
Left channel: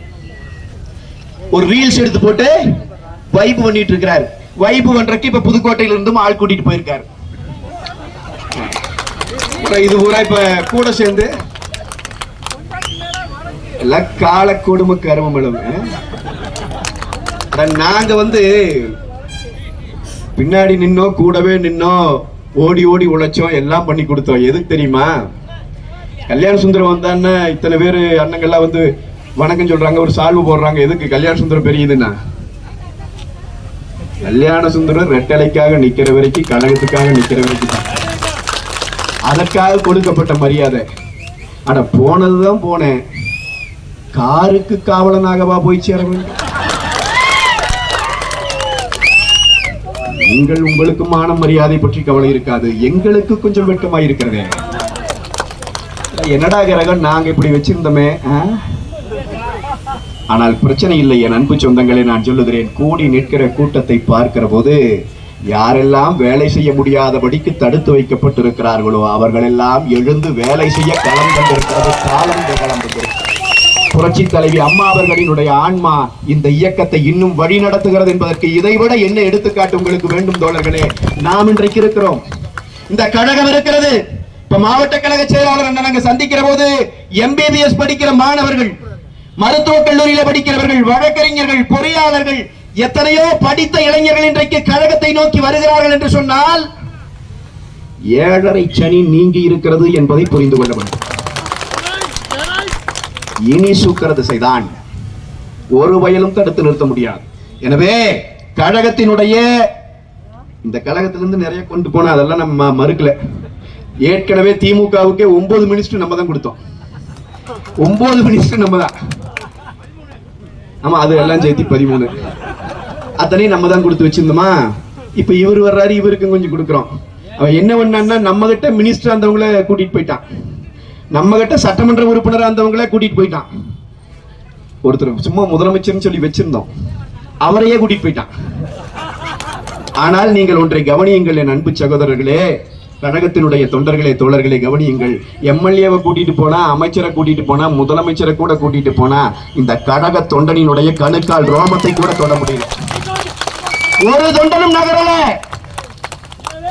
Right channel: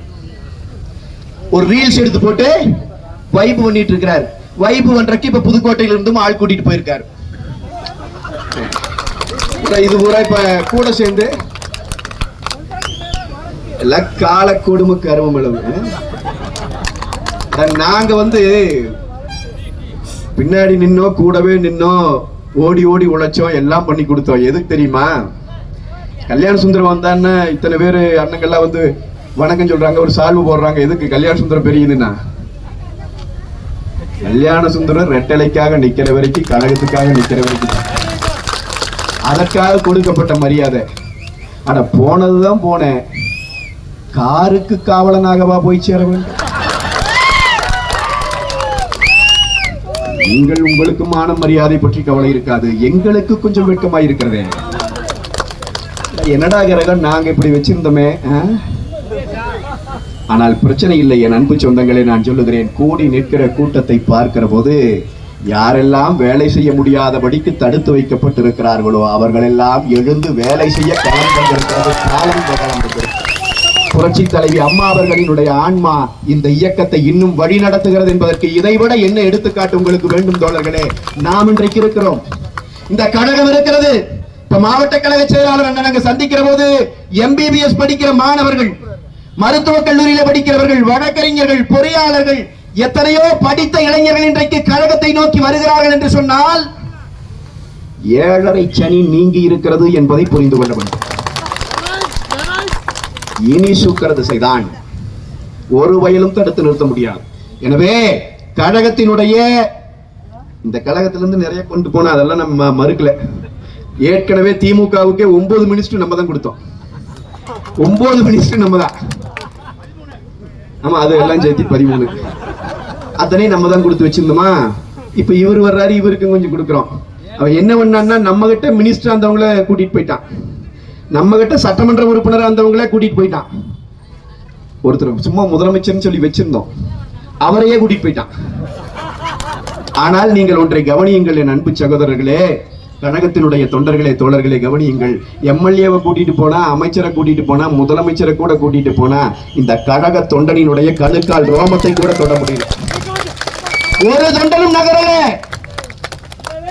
ஒரு ரீல்ஸ் எடுத்து போட்டு வைப் பண்ணிட்டு இருக்கிறார். வைப் பண்றதுக்கு இப்ப புதுக்கோட்டையில இருந்தும் ஆள் கூட்டிட்டு போயிருக்காரு. இது பூரா இப்ப கூட சேர்ந்து எல்லாம் கால கொடுமை கருமம் அளவு. நாங்க வந்து பின்னாடி நின்னோம், கூடவே நின்னோம், ஓடி ஓடி உழைச்சோம், எல்லாம் பண்ணி கொடுத்தோம். எதுக்கு தெரியுமா? கல்யாண சுந்தரம் வந்தான்னு இத்தனை பேர் அண்ணங்கள்லாம் வந்து வணக்கம் சொல்றாங்க, ஒரு சால்வு போடுறாங்க. எதுக்கு? கல்யாண சுந்தரம் பெரியதுன்னா. கல்யாண சுந்தரம் ரெட்டலைக்காக நிக்கிற வரைக்கும், கழகத்துக்காக நிக்கிற வரைக்கும், அதற்காக கொடுக்கப்பட்ட மரியாதை. ஆனா போனதுதான் போனேன், காருக்கு காவலனாகவா போய் சேர வேண்டும்? நீங்கள் உங்களுக்கு மானம் மரியாதை பற்றி கவலை இருக்காது, எங்களுக்கு கொஞ்சம் வெட்கமாய் இருக்கிறதே. என்னடா கிரகம் நாங்க இப்படி வச்சிருந்தோமே. ஆனால் பிரச்சனை இல்லை என் அன்பு சொந்தங்களை, நான் சொல்லுகிறேன், கூடி நிற்கிற கூட்டத்தை பார்க்கிற போது யாரெல்லாம் வேலை செய்ய முடியாதபடிக்கு தடுத்து வைக்கப்பட்டிருக்கிறார்களோ அவர்கள் எல்லாம் எழுந்து வேலை செய்ய களம் வந்திருக்கிறது, காலம் வந்திருக்கிறது. புரட்சி தலைவி அம்மா அவர்களினுடைய ஆன்மா இந்த இயக்கத்தை இன்னும் வழி நடத்துகிறது என்பதற்கு இதைவிட என்ன எடுத்துக்காட்டு உங்களுக்கு வேண்டும் தோழர்களே? நாம் இன்றைக்கு இருக்கிறோம், இந்த கழகம் இருக்கிறது. இப்ப மாவட்ட கழக செயலாளர் நாங்க சந்திக்கிற போது எம்பிபிஎஸ் படிக்கிற மாணவர்கள், மருத்துவக் கல்லூரியில படிக்கிறவர்கள், வழக்கறிஞர்கள், பொறியாளர்கள், எத்தனையோ படித்த இளைஞர்கள் இன்றைக்கு கழகத்தை நோக்கி வருகிறார்கள் என்று சொன்னால் 7.5 சனி நீங்கி இருக்கிறது என்பதை புரிந்து கொள்ள வேண்டும். இனி சூக்கர திசைதான், ஒரு வயலும் தடுத்து நிறுத்த முடியாது. எனவே கழகத்தினுடைய இந்த கழகத்திலிருந்து நிறைய கொண்டு போன அதெல்லாம் நம்ம மறுக்கல. ஏற்கனவே திமுகவுக்கு 9 மினிஸ்டர் நம்ம தான் கொடுத்தோம், 9 மினிஸ்டர் நம்ம தான். ஆமா, அது எல்லாம் சேர்த்து 13 அத்தனை நம்ம தான் கொடுத்து வச்சிருந்தோமா. இப்ப இவர் வர்றாரு, இவருக்கு கொஞ்சம் கொடுக்குறோம். அவன் என்ன பண்ணான்னா நம்ம கிட்ட மினிஸ்டர் அந்தவங்கள கூட்டிட்டு போயிட்டான், நம்ம கிட்ட சட்டமன்ற உறுப்பினர் அந்தவங்கள கூட்டிட்டு போயிட்டான். ஒருத்தர் சும்மா முதலமைச்சர்னு சொல்லி வச்சிருந்தோம், அவரையே கூட்டிட்டு போயிட்டான். ஆனால் நீங்கள் ஒன்றை கவனியுங்கள் என் அன்பு சகோதரர்களே, கழகத்தினுடைய தொண்டர்களே, தோழர்களை கவனியுங்கள். எம்எல்ஏவை கூட்டிட்டு போனா, அமைச்சரை கூட்டிட்டு போனா, முதலமைச்சரை கூட கூட்டிட்டு போனா இந்த கழக தொண்டனினுடைய கணுக்கால் ரோமத்தை கூட தொட முடியல. ஒரு தொண்டனும் நகரல.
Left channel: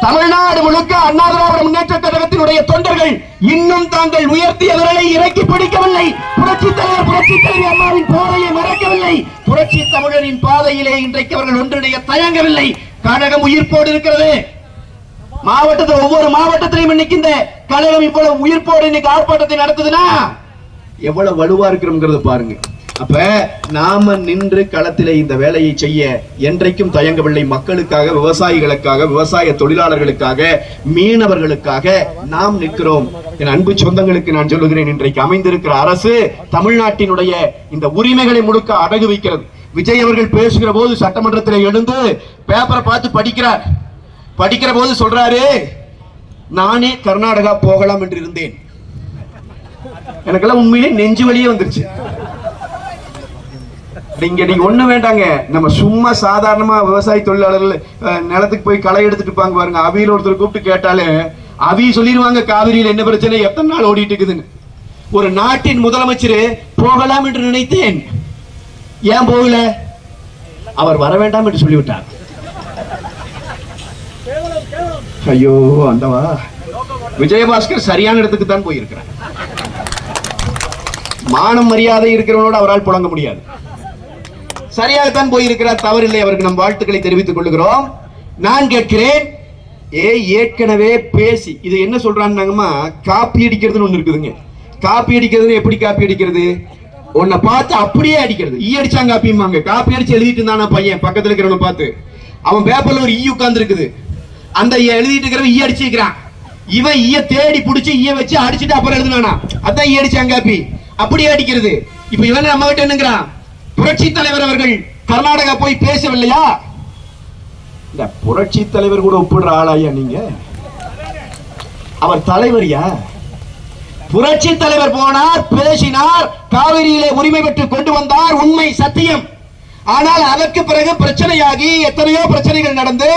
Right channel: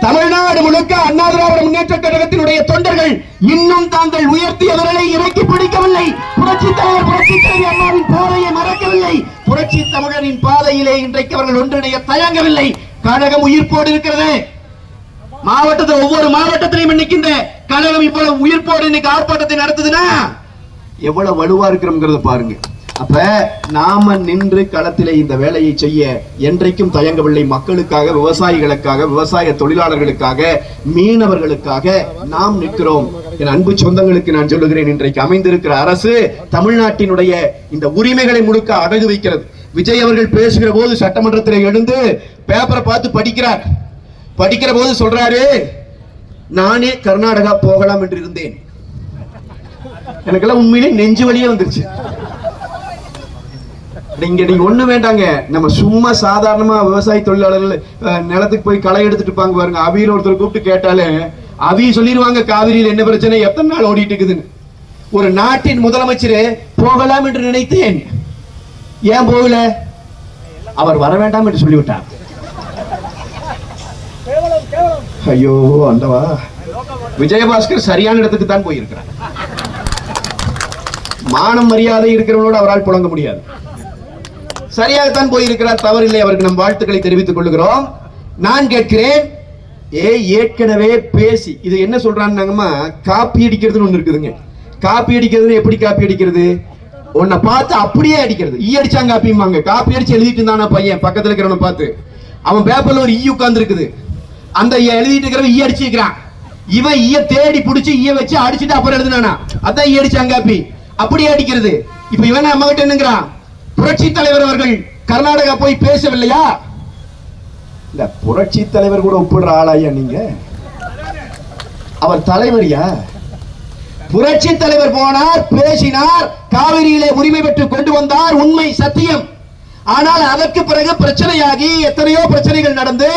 தமிழ்நாடு முழுக்க அண்ணா திராவிட முன்னேற்ற கழகத்தினுடைய தொண்டர்கள் இன்னும் தாங்கள் உயர்த்திய விரலை இறக்கி பிடிக்கவில்லை. புரட்சி தலைவர், புரட்சி தலைவி அம்மாவின் பாதையை மறக்கவில்லை. புரட்சி தமிழரின் பாதையிலே இன்றைக்கு அவர்கள் ஒன்றிணைய தயங்கவில்லை. கழகம் உயிர்ப்போடு இருக்கிறது. மாவட்டத்தில் ஒவ்வொரு மாவட்டத்திலையும் இன்னைக்கு இந்த கழகம் இவ்வளவு உயிர்ப்போடு இன்னைக்கு ஆர்ப்பாட்டத்தை நடத்துதுன்னா எவ்வளவு வலுவா இருக்கிறோம்ங்கிறத பாருங்க. அப்ப நாம நின்று களத்திலே இந்த வேலையை செய்ய என்றைக்கும் தயங்கவில்லை. மக்களுக்காக, விவசாயிகளுக்காக, விவசாய தொழிலாளர்களுக்காக, மீனவர்களுக்காக நாம் நிற்கிறோம். என் அன்பு சொந்தங்களுக்கு நான் சொல்லுகிறேன், இன்றைக்கு அமைந்திருக்கிற அரசு தமிழ்நாட்டினுடைய இந்த உரிமைகளை முழுக்க அடகு வைக்கிறது. விஜய் அவர்கள் பேசுகிற போது சட்டமன்றத்தில் எழுந்து பேப்பரை பார்த்து படிக்கிறார். படிக்கிற போது சொல்றாரு, நானே கர்நாடகா போகலாம் என்று இருந்தேன். எனக்கெல்லாம் உண்மையிலே நெஞ்சு வலியே வந்துருச்சு. இங்க நீங்க ஒண்ணு வேண்டாங்க, நம்ம சும்மா சாதாரணமா விவசாய தொழிலாளர்கள் நிலத்துக்கு போய் களை எடுத்துட்டு இருப்பாங்க பாருங்க, அவியில் ஒருத்தர் கூப்பிட்டு கேட்டாலே அவி சொல்லிடுவாங்க காவிரியில் என்ன பிரச்சனை, எத்தனை நாள் ஓடிட்டு இருக்குதுன்னு. ஒரு நாட்டின் முதலமைச்சர் போகலாம் என்று நினைத்தேன், ஏன் போகல, அவர் வர வேண்டாம் என்று சொல்லிவிட்டார். ஐயோ அந்தவா, விஜயபாஸ்கர் சரியான இடத்துக்கு தான் போயிருக்கிறார். மானம் மரியாதை இருக்கிறவனோடு அவரால் புழங்க முடியாது. சரியாகத்தான் போயிருக்கிறார், தவறில்லை. அவருக்கு நம் வாழ்த்துக்களை தெரிவித்துக் கொள்கிறோம். நான் கேட்கிறேன், ஏற்கனவே பேசி இது என்ன சொல்றாங்கம்மா, காப்பி அடிக்கிறதுன்னு ஒண்ணு இருக்குதுங்க. காப்பி அடிக்கிறது எப்படி காப்பி அடிக்கிறது? உன்னை பார்த்து அப்படியே அடிக்கிறது. ஈ அடிச்சாங்க காப்பிம்பாங்க. காப்பி அடிச்சு எழுதிட்டு இருந்தான பையன் பக்கத்துல இருக்கிறவனை பார்த்து, அவன் பேப்பர்ல ஒரு ஈ உட்கார்ந்து இருக்குது, அந்த எழுதிட்டு இருக்கிறவன் ஈ அடிச்சுக்கிறான். இவன் ஈய தேடி பிடிச்சி ஈய வச்சு அடிச்சுட்டு அப்புறம் எழுதுனானா, அதான் ஈ அடிச்சாங்க காப்பி, அப்படியே அடிக்கிறது. இப்ப இவன் நம்ம கிட்ட என்னங்கிறான், புரட்சி தலைவர் அவர்கள் கர்நாடகா போய் பேசவில்லையா? இல்ல, புரட்சி தலைவர் கூட ஒப்பிடுற ஆளாயா நீங்க? அவர் தலைவரியா? புரட்சி தலைவர் போனார், பேசினார், காவிரியிலே உரிமை பெற்று கொண்டு வந்தார், உண்மை சத்தியம். ஆனால் அதற்கு பிறகு பிரச்சனையாகி எத்தனையோ பிரச்சனைகள் நடந்து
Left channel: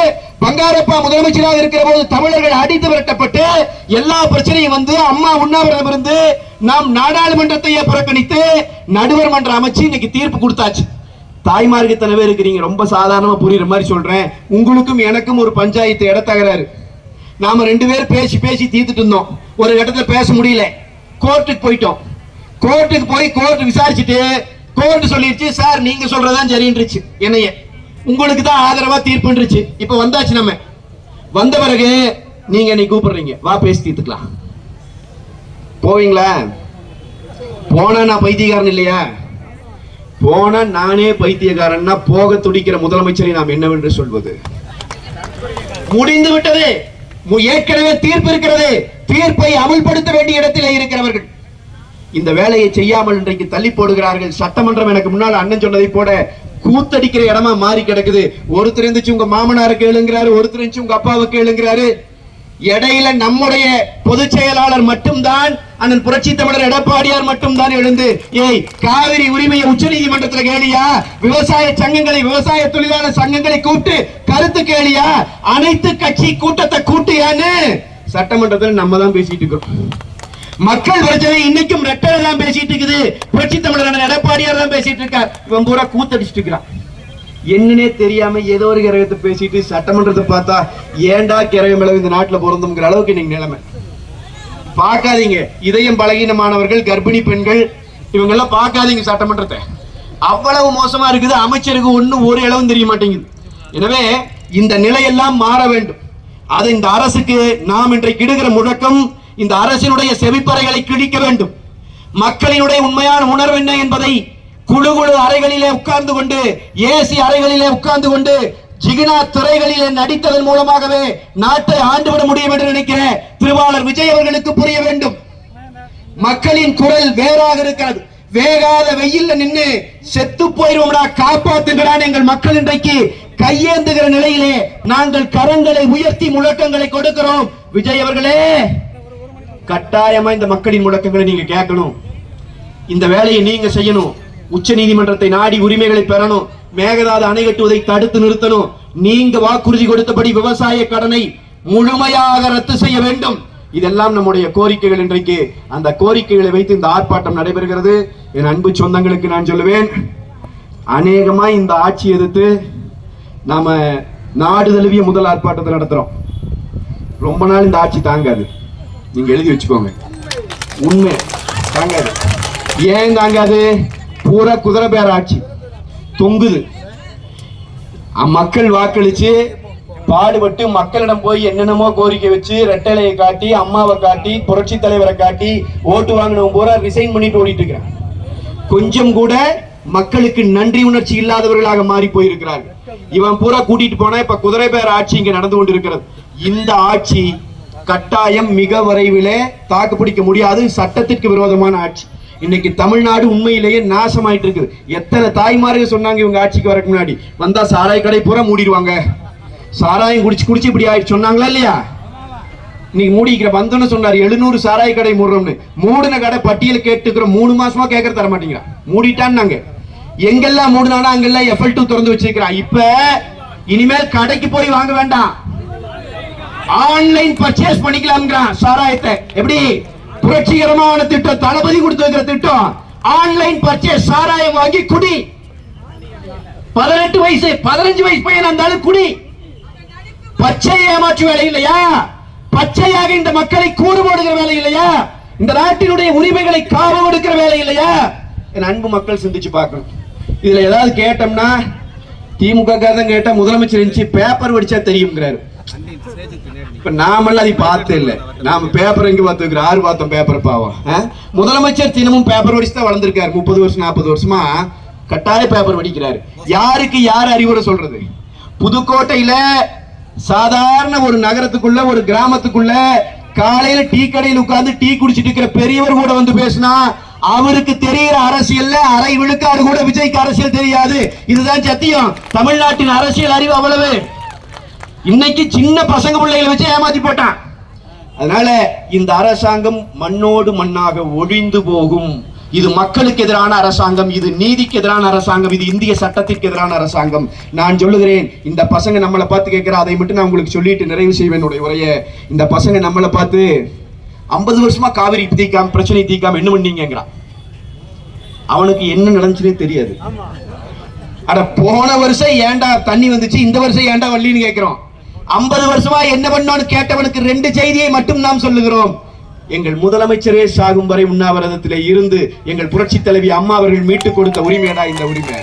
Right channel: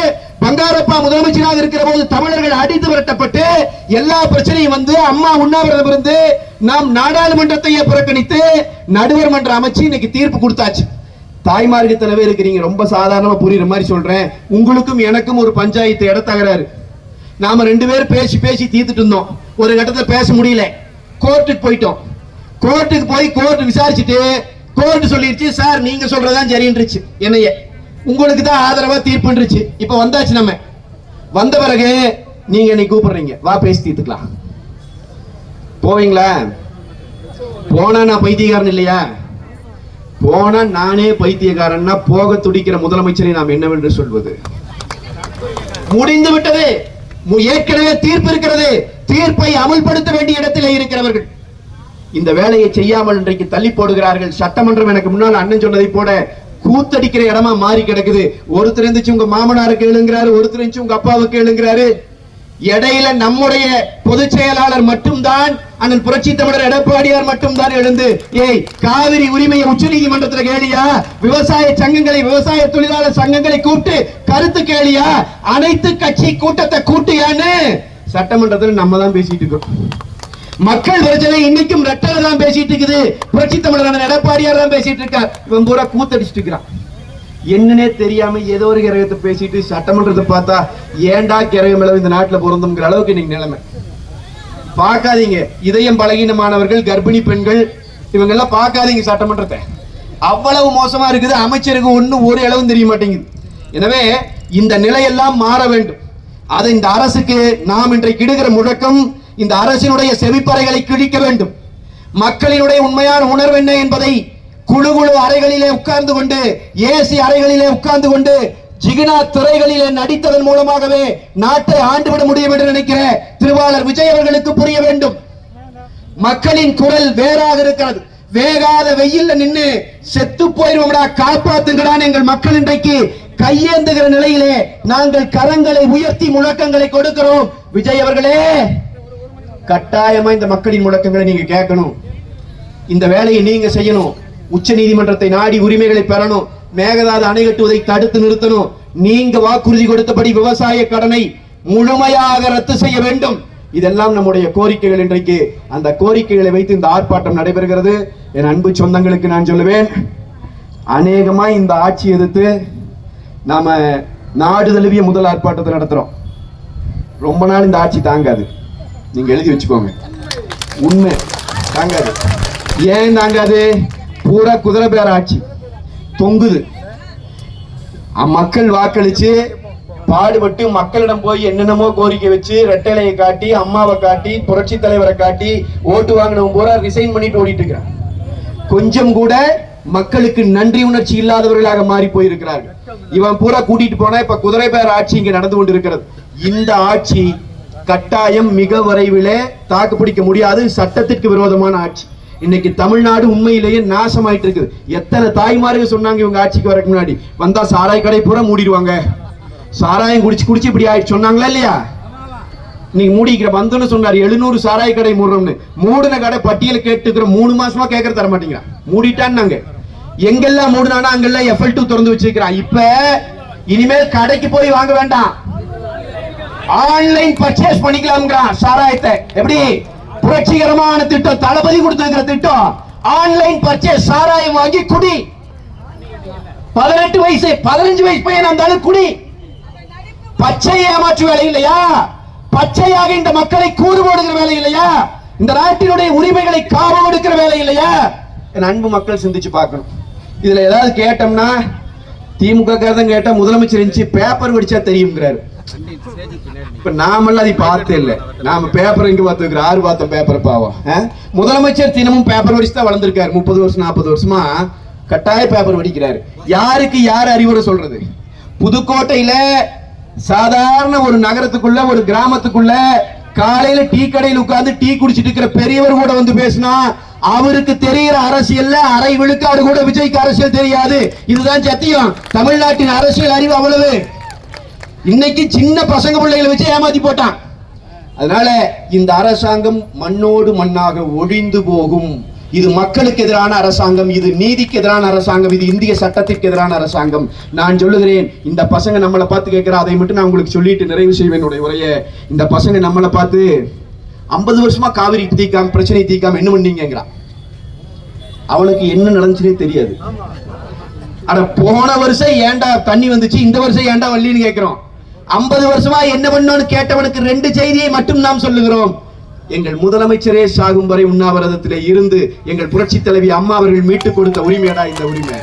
பங்காரப்பா முதலமைச்சராக இருக்கிற போது தமிழர்கள் அடித்து விரட்டப்பட்டு எல்லா பிரச்சனையும் வந்து அம்மா உண்ணாவிரதம் இருந்து நாம் நாடாளுமன்றத்தையே புறக்கணித்து நடுவர் மன்றம் அமைச்சு இன்னைக்கு தீர்ப்பு கொடுத்தாச்சு. தாய்மார்க்கு தலைவர் இருக்கிறீங்க, ரொம்ப சாதாரணமா புரியுற மாதிரி சொல்றேன். உங்களுக்கும் எனக்கும் ஒரு பஞ்சாயத்து இடத்தகராறு. நாம 2 பேர் பேசி தீர்த்துட்டு இருந்தோம். ஒரு கட்டத்தில் பேச முடியல, கோர்ட்டுக்கு போயிட்டோம். கோர்ட்டுக்கு போய் கோர்ட் விசாரிச்சுட்டு கோர்ட் சொல்லிருச்சு, சார் நீங்க சொல்றதான் சரின்றுச்சு, என்னைய உங்களுக்கு தான் ஆதரவா தீர்ப்புன்றுச்சு. இப்ப வந்தாச்சு. நம்ம வந்த பிறகு நீங்க என்னை கூப்பிடுறீங்க, வா பேசி தீர்த்துக்கலாம். போவீங்களா? போனா நான் பைத்தியக்காரன் இல்லையா? போன நானே பைத்தியக்காரன்னா போக துடிக்கிற முதலமைச்சரை நாம் என்னவென்று சொல்வது? முடிந்து விட்டது. ஏற்கனவே தீர்ப்பு இருக்கிறது. தீர்ப்பை அமல்படுத்த வேண்டிய இடத்திலே இருக்கிறவர்கள் இந்த வேலையை செய்யாமல் இன்றைக்கு தள்ளி போடுகிறார்கள். சட்டமன்றம் எனக்கு முன்னால் அண்ணன் சொன்னதை போல கூத்தடிக்கிற இடமா மாறி கிடக்குது. ஒருத்தர் இருந்துச்சு உங்க மாமனாருக்கு கேளுங்கிறாரு, ஒருத்தர் இருந்துச்சு உங்க அப்பாவுக்கு கேளுங்கிறாரு. இடையில நம்முடைய பொதுச் செயலாளர் மட்டும்தான், அண்ணன் புரட்சி தமிழர் எடப்பாடியார் மட்டும்தான் எழுந்து ஏய் காவிரி உரிமையை உச்ச நீதிமன்றத்தில் கேளியா, விவசாய சங்கங்களை விவசாய தொழிலாளர் சங்கங்களை கூப்பிட்டு கருத்து கேளியா, அனைத்து கட்சி கூட்டத்தை கூட்டியான்னு சட்டமன்றத்தில் நம்ம தான் பேசிட்டு இருக்கோம். மக்கள் பிரச்சனை இன்னைக்கும் ரெட்டை தான் பேசிட்டு இருக்குது. புரட்சி தமிழர் எடப்பாடியார் தான் பேசிட்டு இருக்கார். இவன் பூரா கூத்தடிச்சிட்டு இருக்கிறான். என்னன்னே தெரியாம ஏதோ ஒரு கிரகத்தை பேசிட்டு சட்டமன்றத்தை பார்த்தா ஏண்டா கிரகம் அளவு இந்த நாட்டுல பொருந்துங்கிற அளவுக்கு இன்னைக்கு நிலைமை. பார்க்காதீங்க, இதயம் பலகீனமானவர்கள், கர்ப்பிணி பெண்கள், இவங்க எல்லாம் பார்க்காதீங்க சட்டமன்றத்தை. அவ்வளவு மோசமா இருக்குது. அமைச்சருக்கு ஒன்னும் ஒரு அளவும் தெரிய மாட்டேங்குது. எனவே இந்த நிலையெல்லாம் மாற வேண்டும். அதை இந்த அரசுக்கு நாம் இன்றைக்கு இடுகிற முழக்கம், இந்த அரசினுடைய செவிப்பறைகளை கிழிக்க வேண்டும். மக்களினுடைய உண்மையான உணர்வு என்ன என்பதை குழு அறைகளிலே உட்கார்ந்து கொண்டு, ஏசி அறைகளிலே உட்கார்ந்து கொண்டு, ஜிகினா துறைகளிலே நடித்ததன் மூலமாகவே நாட்டை ஆண்டுவிட முடியும் என்று நினைக்கிற திருவாளர் விஜய் அவர்களுக்கு புரிய வேண்டும். மக்களின் குரல் வேறாக இருக்கிறது. வேகாத வெயில்ல நின்று செத்து போயிருவோம்டா, காப்பாத்துங்கடான்னு எங்கள் மக்கள் இன்றைக்கு கையேந்துகிற நிலையிலே நாங்கள் கரங்களை உயர்த்தி முழக்கங்களை கொடுக்கிறோம். விஜய் அவர்களே, கட்டாயமா இந்த மக்களின் முழக்கங்களை நீங்க கேட்கணும். இந்த வேலையை நீங்க செய்யணும். உச்ச நீதிமன்றத்தை நாடி உரிமைகளை பெறணும். மேகதாது அணை கட்டுவதை தடுத்து நிறுத்தணும். நீங்க வாக்குறுதி கொடுத்தபடி விவசாய கடனை முழுமையாக ரத்து செய்ய வேண்டும். இதெல்லாம் நம்முடைய கோரிக்கைகள். இன்றைக்கு அந்த கோரிக்கைகளை வைத்து இந்த ஆர்ப்பாட்டம் நடைபெறுகிறது. என் அன்பு சொந்தங்களுக்கு நான் சொல்லுவேன், அநேகமா இந்த ஆட்சி எதிர்த்து நாம நாடு தழுவிய முதல் ஆர்ப்பாட்டத்தை நடத்துறோம். ரொம்ப நாள் இந்த ஆட்சி தாங்காது. நீங்க எழுதி வச்சுக்கோங்க, உண்மை தாங்காது. ஏன் தாங்காது? பூரா குதிரை பேர ஆட்சி தொங்குது. மக்கள் வாக்களிச்சு பாடுபட்டு மக்களிடம் போய் என்னென்னமோ கோரிக்கை வச்சு ரெட்டலையை காட்டி, அம்மாவை காட்டி, புரட்சி தலைவரை காட்டி ஓட்டு வாங்கினவங்க பூரா ரிசைன் பண்ணிட்டு ஓடிட்டு இருக்கிறாங்க. கொஞ்சம் கூட மக்களுக்கு நன்றி உணர்ச்சி இல்லாதவர்களாக மாறி போயிருக்கிறார்கள். இவன் பூரா கூட்டிட்டு போனா இப்ப குதிரை பேர ஆட்சி இங்க நடந்து கொண்டிருக்கிறது. இந்த ஆட்சி கட்டாயம் மிக விரைவிலே தாக்கு பிடிக்க முடியாது. சட்டத்திற்கு விரோதமான ஆட்சி. இன்னைக்கு தமிழ்நாடு உண்மையிலேயே நாசமாயிட்டு இருக்குது. எத்தனை தாய்மார்கள் சொன்னாங்க இவங்க ஆட்சிக்கு வரக்கு முன்னாடி, வந்தா சாராய கடை பூரா மூடிடுவாங்க, சாராயம் குடிச்சு இப்படி ஆயிடுச்சு சொன்னாங்களா இல்லையா? நீங்க மூடிக்கிற வந்தோன்னு சொன்னார் 700 சாராய கடை மூடுறோம்னு. மூடின கடை பட்டியல் கேட்டுக்கிற 3 மாசமா கேட்கற தர மாட்டீங்க. மூடிட்டான்னு எங்கெல்லாம் மூடுனானா அங்கெல்லாம் FL2 திறந்து வச்சிருக்கிறான். இப்ப இனிமேல் கடைக்கு போய் வாங்க வேண்டாம், ஆன்லைன் பர்ச்சேஸ் பண்ணிக்கலாம் சாராயத்தை. எப்படி புரட்சிகரமான திட்டம், தளபதி கொடுத்திருக்கிற திட்டம். ஆன்லைன் பர்ச்சேஸ், சாராயம் வாங்கி குடி. 18 வயசு 15 வயசு பையன் இருந்தாலும் குடி. பச்சை ஏமாற்று வேலை இல்லையா? பச்சையாக இந்த மக்களை கூறு போடுகிற வேலை இல்லையா? இந்த நாட்டினுடைய உரிமைகளை காவு கொடுக்கிற வேலை இல்லையா? என் அன்பு மக்கள் சிந்திச்சு பார்க்கணும். இதுல ஏதாவது கேட்டோம்னா, திமுக காரதான் கேட்டா முதலமைச்சர் இருந்துச்சு பேப்பர் படிச்சா தெரியுங்கிறாரு. இப்ப நாமெல்லாம் அதை பார்த்தே இல்ல. நாம பேப்பர் எங்க பார்த்து ஆறு பார்த்தோம் பேப்பர் பாவம். முதலமைச்சர் தினமும் பேப்பர் படிச்சு தான் வளர்ந்திருக்காரு. 30 வருஷம் 40 வருஷமா கட்டாய பேப்பர் படிக்கிறாரு. யாருக்கு யார் அறிவுரை சொல்றது? புதுக்கோட்டையில சாதாரண ஒரு நகரத்துக்குள்ள, ஒரு கிராமத்துக்குள்ள காலையில டீ கடையில் உட்கார்ந்து டீ குடிச்சிட்டு இருக்கிற பெரியவர் கூட வந்து பேசினா அவருக்கு தெரிகிற அரசியல் அரை விழுக்காடு கூட விஜய்க்கு அரசியல் தெரியாது. இதுதான் சத்தியம். தமிழ்நாட்டின் அரசியல் அறிவு அவ்வளவு. இன்னைக்கு சின்ன பசங்க பிள்ளைகளை வச்சு ஏமாத்தி போட்டான். அதனால இந்த அரசாங்கம் மண்ணோடு மண்ணாக ஒழிந்து போகும். இது மக்களுக்கு எதிரான அரசாங்கம், இது நீதிக்கு எதிரான அரசாங்கம், இது இந்திய சட்டத்திற்கு எதிரான அரசாங்கம். நான் சொல்லுகிறேன், இந்த பசங்க நம்மளை பார்த்து கேட்கிற அதை மட்டும் நான் உங்களுக்கு சொல்லிட்டு நிறைவு செய்வேன் என்னுடைய உரையை. இந்த பசங்க நம்மளை பார்த்து 50 வருஷமா காவிரி தீக்காம பிரச்சனை தீக்காம என்ன பண்ணீங்கிறான். அவனுக்கு என்ன நடந்துச்சுன்னே தெரியாது. அட போன வருஷம் ஏண்டா தண்ணி வந்துச்சு, இந்த வருஷம் ஏண்டா வள்ளின்னு கேட்கிறோம். 50 வருஷமா என்ன பண்ணோன்னு கேட்டவனுக்கு 2 செய்தியை மட்டும் நாம் சொல்லுகிறோம். எங்கள் முதலமைச்சரே சாகும் வரை உண்ணாவிரதத்திலே இருந்து எங்கள் புரட்சி தலைவி அம்மா அவர்கள் மீட்டுக் கொடுத்த உரிமையடா இந்த உரிமை.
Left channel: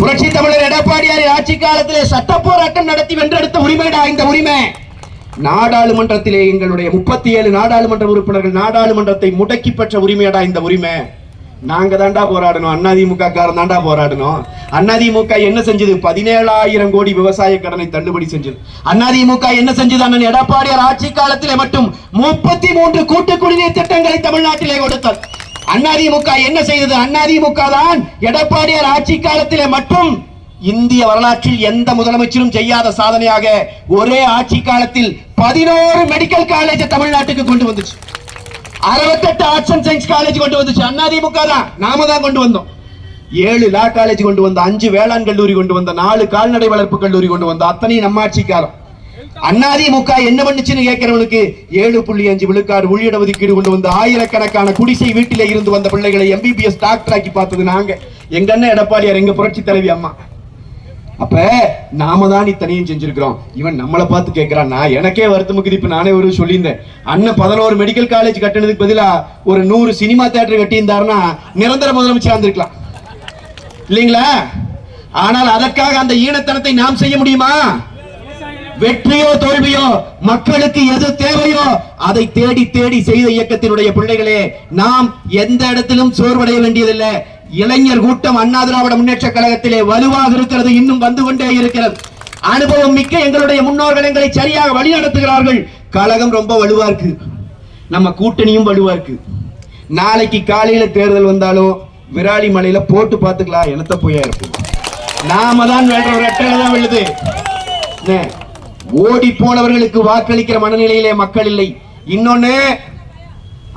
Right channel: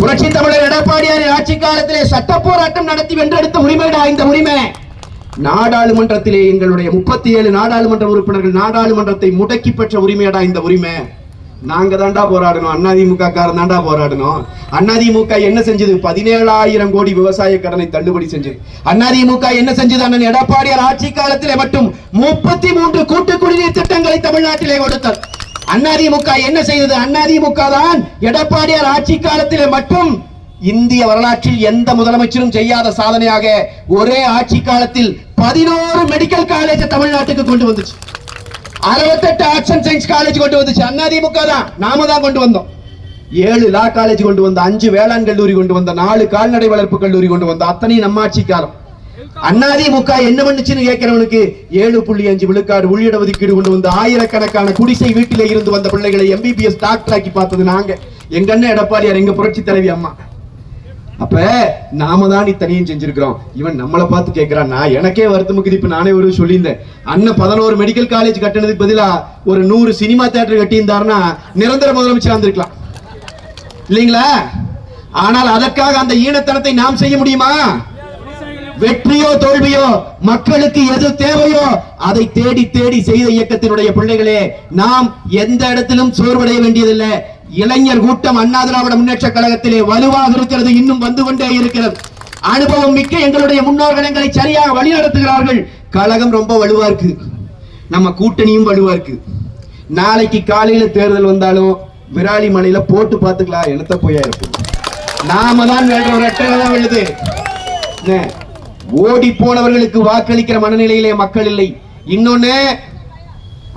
புரட்சி தமிழர் எடப்பாடியார் ஆட்சி காலத்திலே சட்ட போராட்டம் நடத்தி வென்றெடுத்த உரிமையடா இந்த உரிமை. நாடாளுமன்றத்திலே எங்களுடைய 37 நாடாளுமன்ற உறுப்பினர்கள் நாடாளுமன்றத்தை முடக்கி பெற்ற உரிமையடா இந்த உரிமை. நாங்க தாண்டா போராடணும், அதிமுக காரன் தாண்டா போராடணும். அதிமுக என்ன செஞ்சது? 17,000 கோடி விவசாய கடனை தள்ளுபடி செஞ்சது. அதிமுக என்ன செஞ்சது? அண்ணன் எடப்பாடியார் ஆட்சி காலத்திலே மட்டும் 33 கூட்டு குடிநீர் திட்டங்களை தமிழ்நாட்டிலே கொடுத்தார். அதிமுக என்ன செய்தது? அதிமுக தான் எடப்பாடியார் ஆட்சி காலத்திலே மட்டும் இந்திய வரலாற்றில் எந்த முதலமைச்சரும் செய்யாத சாதனையாக ஒரே ஆட்சி காலத்தில் 11 மெடிக்கல் காலேஜ் தமிழ்நாட்டுக்கு கொண்டு வந்துச்சு. 68 ஆர்ட்ஸ் அண்ட் சயின்ஸ் காலேஜ் கொண்டு வந்துச்சு அதிமுக தான். நாம தான் கொண்டு வந்தோம். 7 லா காலேஜ் கொண்டு வந்த, 5 வேளாண் கல்லூரி கொண்டு வந்த, 4 கால்நடை வளர்ப்பு கல்லூரி கொண்டு வந்த, அத்தனை நம்ம ஆட்சி காலம். அதிமுக என்ன பண்ணுச்சுன்னு கேட்கிறவனுக்கு 7.5 விழுக்காடு உள்இட ஒதுக்கீடு கொண்டு வந்து ஆயிரக்கணக்கான குடிசை வீட்டிலே இருந்து வந்த பிள்ளைகளை எம்பிபிஎஸ் டாக்டர் ஆக்கி பார்த்தது நாங்க. எங்க அண்ணன் எடப்பாடியார், எங்க புரட்சி தலைவி அம்மா. அப்ப நாம தான் இத்தனையும் செஞ்சிருக்கிறோம். இவன் நம்மளை பார்த்து கேட்கிறான். நான் எனக்கே வருத்தமுக்கு இப்ப நானே ஒரு சொல்லியிருந்தேன். அண்ணன் 11 மெடிக்கல் காலேஜ் கட்டினதுக்கு பதிலா ஒரு 100 சினிமா தியேட்டர் கட்டியிருந்தாருன்னா நிரந்தர முதலமைச்சர் வந்திருக்கலாம் இல்லைங்களா? ஆனால் அதற்காக அந்த ஈனத்தனத்தை நாம் செய்ய முடியுமா? வெற்றியோ தோல்வியோ, மக்களுக்கு எது தேவையோ அதை தேடி தேடி செய்த இயக்கத்தினுடைய பிள்ளைகளே, நாம் எந்த இடத்திலும் சோர்வடைய வேண்டியதில்லை. இளைஞர் கூட்டம் அண்ணா திராவிட முன்னேற்ற கழகத்திலே வலுவாக இருக்கிறது, இன்னும் வந்து கொண்டே இருக்கிறது. அனுபவம் மிக்க எங்களுடைய முன்னோர்கள் எங்களை சரியாக வழி நடத்துகிறார்கள். கழகம் ரொம்ப வலுவா இருக்கு, நம்ம கூட்டணியும் வலுவா இருக்கு. நாளைக்கு காலையில தேர்தல் வந்தாலும் விராலி மலையில போட்டு பார்த்துக்கலாம், என்னத்த போயா இருக்கு. நாம தான் விழுது. ஓடி போனவர்களுக்கு வாக்களிக்கிற மனநிலையிலே மக்கள் இல்லை. இன்னொன்னு,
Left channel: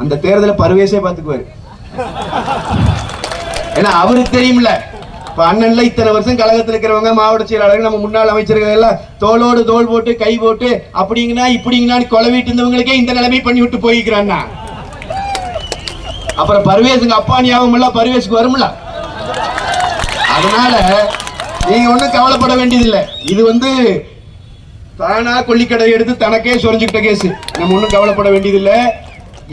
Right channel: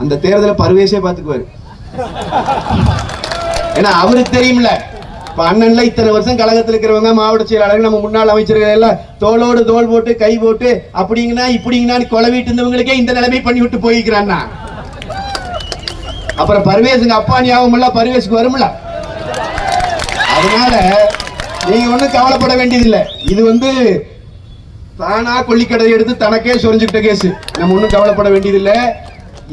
அந்த தேர்தலை பருவேசே பார்த்துக்குவாரு. ஏன்னா அவருக்கு தெரியும்ல, அண்ணன்ல இத்தனை வருஷம் கழகத்தில் இருக்கிறவங்க, மாவட்ட செயலாளர்கள், நம்ம முன்னாள் அமைச்சர்கள் எல்லாம் தோளோடு தோல் போட்டு கை போட்டு அப்படிங்கன்னா இப்படிங்கன்னா கொலவிட்டு இருந்தவங்களுக்கே இந்த நிலைமை பண்ணி விட்டு போய்க்கிறான்னா, அப்புறம் பருவேசுங்க அப்பா ஞாபகம் பருவேசுக்கு வரும்ல. அதனால நீங்க ஒண்ணும் கவலைப்பட வேண்டியதில்லை. இது தானா கொள்ளிக்கடை எடுத்து தனக்கே சொரிஞ்சுக்கிட்ட கேஸ். நம்ம ஒண்ணும் கவலைப்பட வேண்டியதில்லை.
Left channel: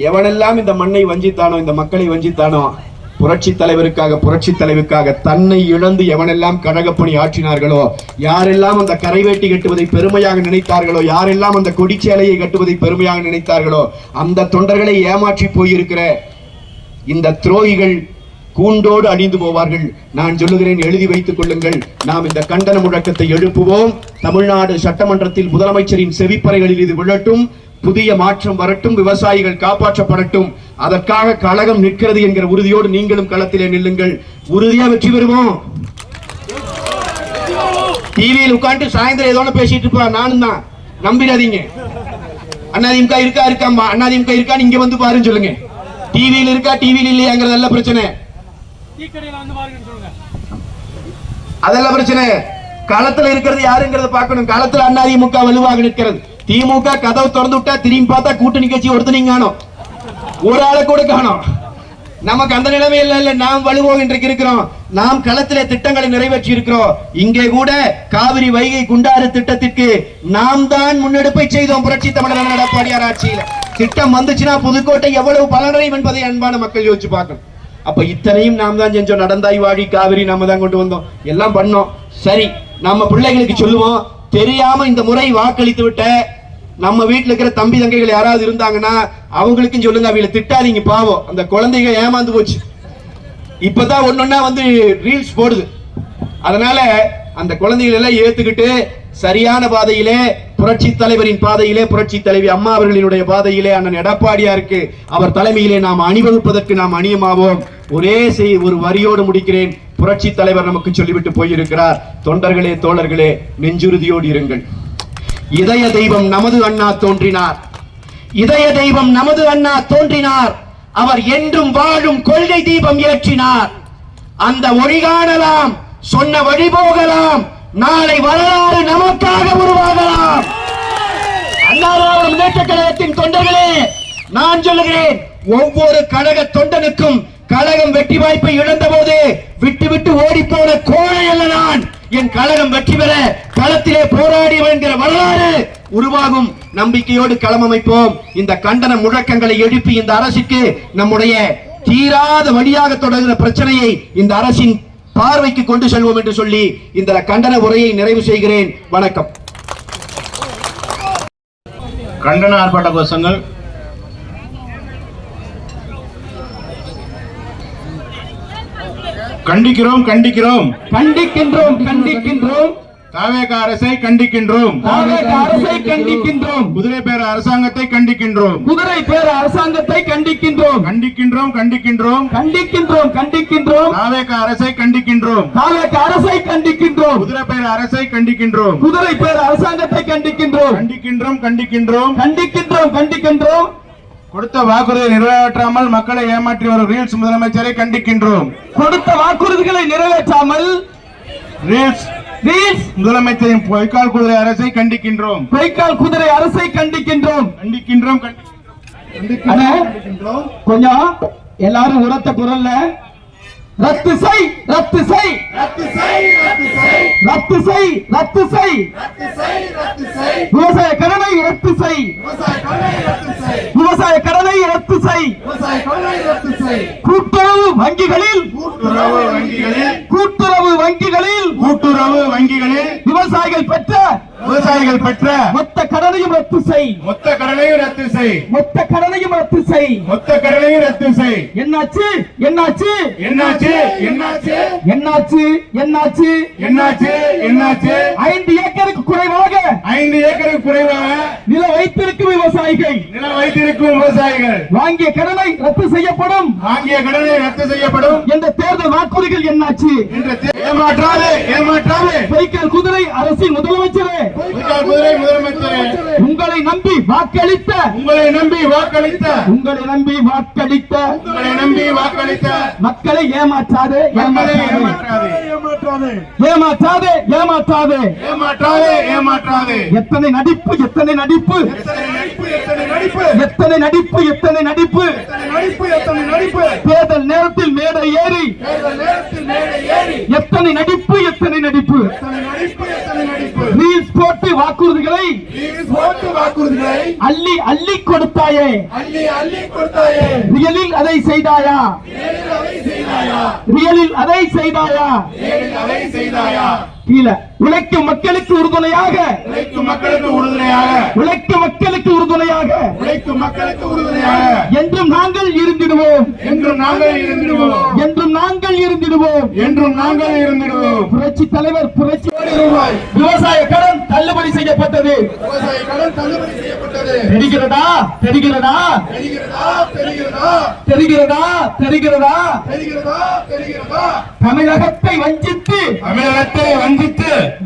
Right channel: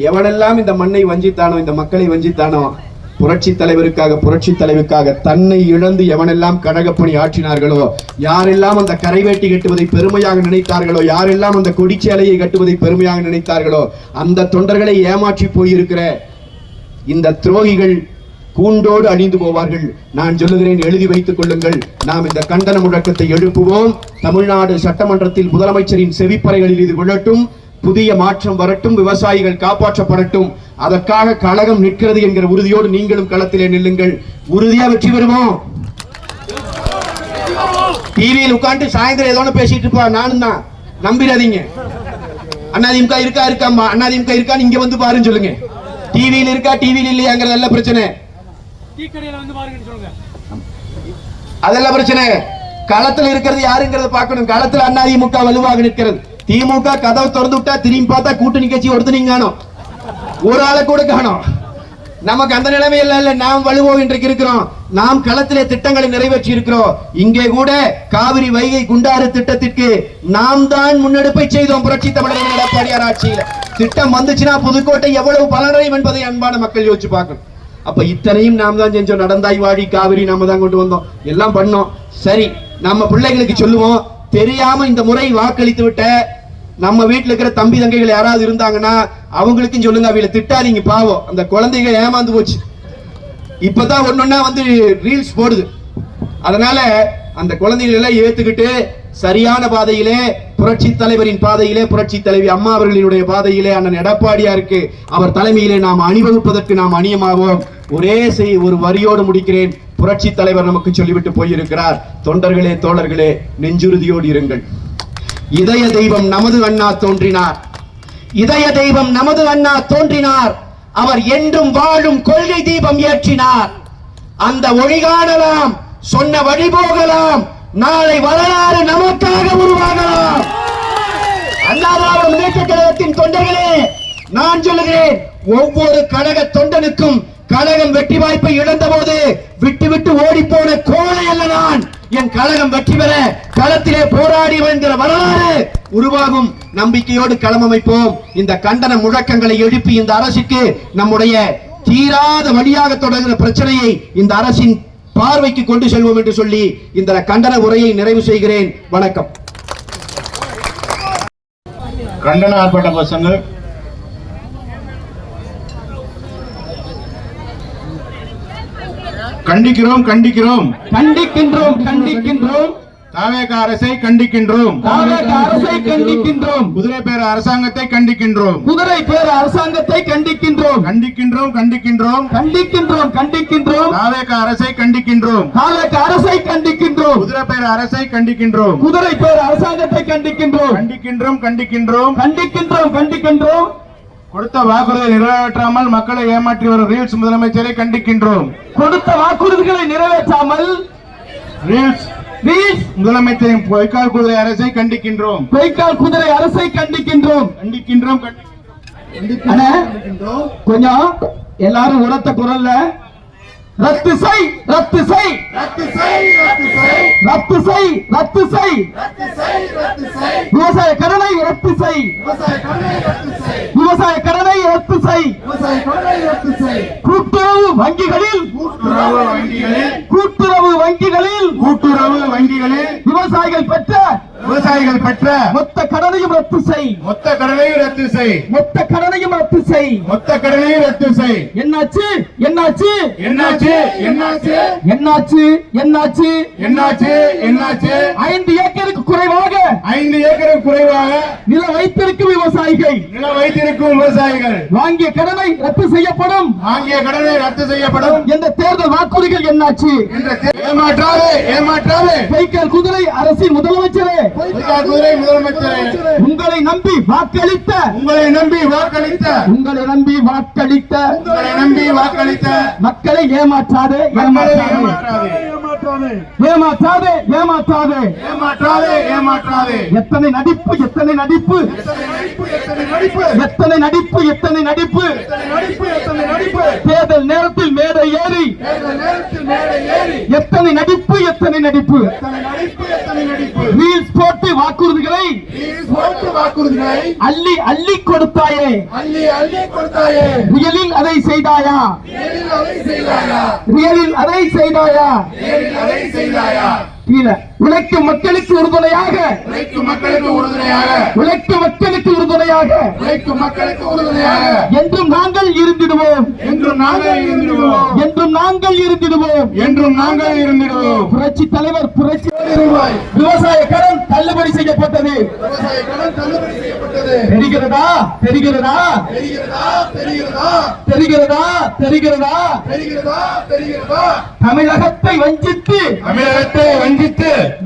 எவனெல்லாம் இந்த மண்ணை வஞ்சித்தானோ, இந்த மக்களை வஞ்சித்தானோ, புரட்சி தலைவருக்காக தன்னை இழந்து எவனெல்லாம் கழகப்பணி ஆற்றினார்களோ, யாரெல்லாம் அந்த கரைவேட்டி கட்டுவதை பெருமையாக நினைத்தார்களோ, யாரெல்லாம் அந்த கொடிச்சேலையை கட்டுவதை பெருமையாக நினைத்தார்களோ, அந்த தொண்டர்களை ஏமாற்றி போயிருக்கிற இந்த துரோகிகள் கூண்டோடு அழிந்து போவார்கள். நான் சொல்லுகிறேன், எழுதி வைத்துக் கொள்ளுங்கள். நாம் இந்த கண்டன முழக்கத்தை எழுப்புவோம். தமிழ்நாடு சட்டமன்றத்தில் முதலமைச்சரின் செவிப்பறைகளில் இது விழட்டும். புதிய மாற்றம் வரட்டும், விவசாயிகள் காப்பாற்றப்படட்டும். அதற்காக கழகம் நிற்கிறது என்கிற உறுதியோடு நீங்களும் களத்திலே நில்லுங்கள். உறுதியா வெற்றி பெறுவோம். டிவியில் உட்காந்து சாயந்தரம் ஏதோ பேசிட்டு இருப்பா, நானும் தான். நம்பிடாதீங்க. அதிமுக இருக்காமா, அதிமுக இருக்கான்னு இங்க வந்து பாருன்னு சொல்லுங்க. டிவியில் இருக்கா, டிவியில் இல்லையாங்கிறது நல்ல பிரச்சனை. அதெல்லாம் பிரச்சனை. களத்துல இருக்கிறது யாருங்கிறத பார்க்கணும். களத்துல அதிமுக வலுவாக நிற்கிறது. திமுக கதவை திறந்து விட்டா திரும்பி பார்த்தா கூட்டணி கட்சி ஒருத்தனையும் காணும், ஒரு ஆளை கூட காணும். நமக்கு அந்த நிலைமை இல்ல. நாம் வலுவோம் இன்றைக்கு இருக்கிறோம். நாம் களத்திலே திட்டங்களை நிறைவேற்றி இருக்கிறோம். இங்கே கூட காவிரி வைகை குண்டாறு திட்டத்திற்கு நாம் தான் முன்னெடுப்பை செய்தோம். புரட்சி தமிழர் எடப்பாடியார் ஆட்சியில் திட்டம் வந்துச்சுன்னா புதுக்கோட்டை எவ்வளவு பலனடையும் என்பதை அன்பான மக்கள் யோசிச்சு பார்க்கணும். அப்ப இத்தனையும் நாம் தான் செஞ்சோம். நடந்தாய் வாழி காவிரி நாம தான் கொண்டு வந்தோம், எல்லாம் பண்ணோம். சரி, நம்ம பிள்ளைகளுக்கு சொல்லுவோம், தெரியாம இந்த முறை வாக்களித்து விட்ட நம்ம வீட்டுல இருக்கிற தம்பி தங்கைகள் யாராவது இருந்தாங்கன்னா அவங்களுக்கும் சொல்லுங்க, அவங்களை திட்டாதீங்க, பாவம் அந்த குழந்தைகள் ஏமாந்து போச்சு. இப்பதான் ஒன்னொன்னா ரீல்ஸ் போடுது. அதனால அந்த குழந்தைகள் எல்லாம் ஏத்துக்கிட்டு சரியான பாதையிலே, புரட்சி தலைவரின் பாதையிலே, புரட்சி தலைவி அம்மா அவர்களினுடைய பாதையிலே, அண்ணன் எடப்பாடியாருக்கு அவர் தலைமையிலே நாம் அணிவகுப்பதற்கு நாம் அணியமாவோம். ஒரு வரியோடு முடிக்கிறேன். புரட்சி தலைவர் நமக்கு சொல்லிவிட்டு போயிருக்கிறார், தொண்டர்களே தோழர்களே, நெஞ்சுறுதியோடு இருங்கள். இதய தெய்வம் நமது அண்ணா தோன்றினார், இதய தெய்வம் நமது அண்ணா தோன்றினார். அவர் என்றும் வாழும் கொள்கை தீபம் ஏற்றினார். அந்த ஒளி காணலாம், சொன்ன வழி போகலாம், நாளை வரலாறு நமக்காக உருவாகலாம். அண்ணா திராவிட முன்னேற்ற கழகத்தின் தொண்டர்களே, நான் சொல்லுகிறேன், ஒவ்வொரு கழக தொண்டனுக்கும் கழகம் வெற்றி வாய்ப்பை இழந்த போது விட்டு விட்டு ஓடி போன கோழை அல்ல நான். என் கழகம் வெற்றி பெற களத்திலே போராடி என்கிற வரலாறு உருவாகும். நம்பிக்கையோடு களம் அமைப்போம். இந்த கண்டன முழக்கங்களை எழுப்பி இந்த அரசுக்கு நம்முடைய தீராத வழியாக தொடர்கிற பிரச்சனையை இந்த அரசின் பார்வைக்கு கொண்டு செல்வோம் என்று சொல்லி இந்த கண்டன உரையை நிறைவு செய்கிறேன். வணக்கம். கண்டன ஆர்ப்பாட்ட கோஷங்கள் கண்டிக்கிறோம் கண்டிக்கிறோம் கண்டிக்கின்றோம் கண்டிக்கின்றோம் தாவேக அரசை கண்டிக்கின்றோம். தாவேக அரசை கண்டிக்கின்றோம். குதிரை பேர அரசாங்கத்தை கண்டிக்கின்றோம். குதிரை பேர அரசாங்கத்தை கண்டிக்கின்றோம். கண்டிக்கின்றோம் கண்டிக்கின்றோம். கண்டிக்கின்றோம் கண்டிக்கின்றோம். தாவேக அரசை கண்டிக்கின்றோம். தாவேக அரசை கண்டிக்கின்றோம். குதிரை பேர அரசை கண்டிக்கின்றோம். குதிரை பேர அரசாங்கத்தை கண்டிக்கின்றோம். கண்டிக்கின்றோம் கண்டிக்கின்றோம். கண்டிக்கின்றோம் கண்டிக்கின்றோம். கொடுத்த வாக்குறுதியை நிறைவேற்றாமல் மக்களை ஏமாற்றி வரும் ரீல்ஸ் முதலமைச்சரை கண்டிக்கின்றோம். கொடுத்த வாக்குறுதிகளை நிறைவேற்றாமல் ரீல்ஸ் முதலமைச்சரின் பொய்க்கால் குதிரை அரசை கண்டிக்கின்றோம். பொய்க்கால் குதிரை அரசை கண்டிக்கின்றோம். கண்டிக்கின்றோம் அண்ணா, கொஞ்சம் எல்லாரும் உரத்த குரல்ல ரத்து செய் ரத்து செய் ரத்து செய் ரத்து செய் ரத்து செய் ரத்து செய் ரத்து செய் ரத்து செய் விவசாய கடனை ரத்து செய் விவசாய கடனை ரத்து செய் விவசாய கடனை ரத்து செய் விவசாய கடனை ரத்து செய் கூட்டுறவு வங்கிகளில் கூட்டுறவு வங்கிகளில் கூட்டுறவு வங்கிகளில் கூட்டுறவு வங்கிகளில் விவசாயிகள் பெற்ற மொத்த கடனையும் ரத்து செய் மொத்த கடனையும் ரத்து செய் மொத்த கடனையும் ரத்து செய் மொத்த கடனையும் ரத்து செய். என்னாச்சு என்னாச்சு என்னாச்சு என்னாச்சு என்னாச்சு என்னாச்சு என்னாச்சு என்னாச்சு 5 ஏக்கருக்கு குறைவாக 5 ஏக்கருக்கு குறைவாக நில வைத்திருக்கும் விவசாயிகள் நில வைத்திருக்கும் விவசாயிகள் வாங்கிய கடனை ரத்து செய்யப்படும் வாங்கிய கடனை ரத்து செய்யப்படும் என்ற தேர்தல் வாக்குறுதிகள் என்னாச்சு? ஏமாற்றாதே ஏமாற்றாதே பொய்க்கால் குதிரை அரசின் முதலமைச்சரே, பொய்க்கால் குதிரை முதலமைச்சரே, உங்களை நம்பி வாக்களித்த உங்களை நம்பி வாக்களித்த உங்களை நம்பி வாக்களித்த உங்களை நம்பி வாக்களித்த மக்களை ஏமாற்றாதே ஏமாற்றாதே ஏமாற்றாதே ஏமாற்றாதே ஏமாற்றாதே ஏமாற்றாதே. எத்தனை நடிப்பு எத்தனை நடிப்பு எத்தனை நடிப்பு எத்தனை நடிப்பு எத்தனை நடிப்பு எத்தனை நடிப்பு எத்தனை நடிப்பு. தேர்தல் நேரத்தில் மேடை ஏறி தேர்தல் நேரத்தில் மேடை ஏறி எத்தனை நடிப்பு எத்தனை நடிப்பு எத்தனை நடிப்பு எத்தனை நடிப்பு. ரீல்ஸ் போட்டு வாக்குறுதிகளை போட்டு வாக்குறுதிகளை அள்ளி அள்ளி கொடுத்தாயே, அள்ளி அள்ளி கொடுத்தாயே, ரியலில் அதை செய்தாயா? நேரில் அதை செய்தாயா? ரியலில் அதை செய்தாயா? நேரில் அதை செய்தாயா? கீழே உழைக்கும் மக்களுக்கு உறுதுணையாக உழைக்கும் மக்களுக்கு உறுதுணையாக உழைக்கும் மக்களுக்கு உறுதுணையாக உழைக்கும் மக்களுக்கு உறுதுணையாக என்றும் நாங்கள் இருந்திடுவோம் என்றும் நாங்கள் இருந்திடுவோம் என்றும் நாங்கள் இருந்திடுவோம் என்றும் நாங்கள் இருந்திடுவோம். புரட்சி தலைவர் புரட்சி ரூபாய் விவசாய கடன் தள்ளுபடி செய்யப்பட்டது. விவசாய கடன் தள்ளுபடி செய்யப்பட்டது. தெரிகிறதா தெரிகிறதா தெரிகிறதா தெரிகிறதா தெரிகிறதா தெரிகிறதா தெரிகிறதா தெரிகிறதா. தமிழகத்தை வஞ்சித்து தமிழகத்தை வஞ்சித்து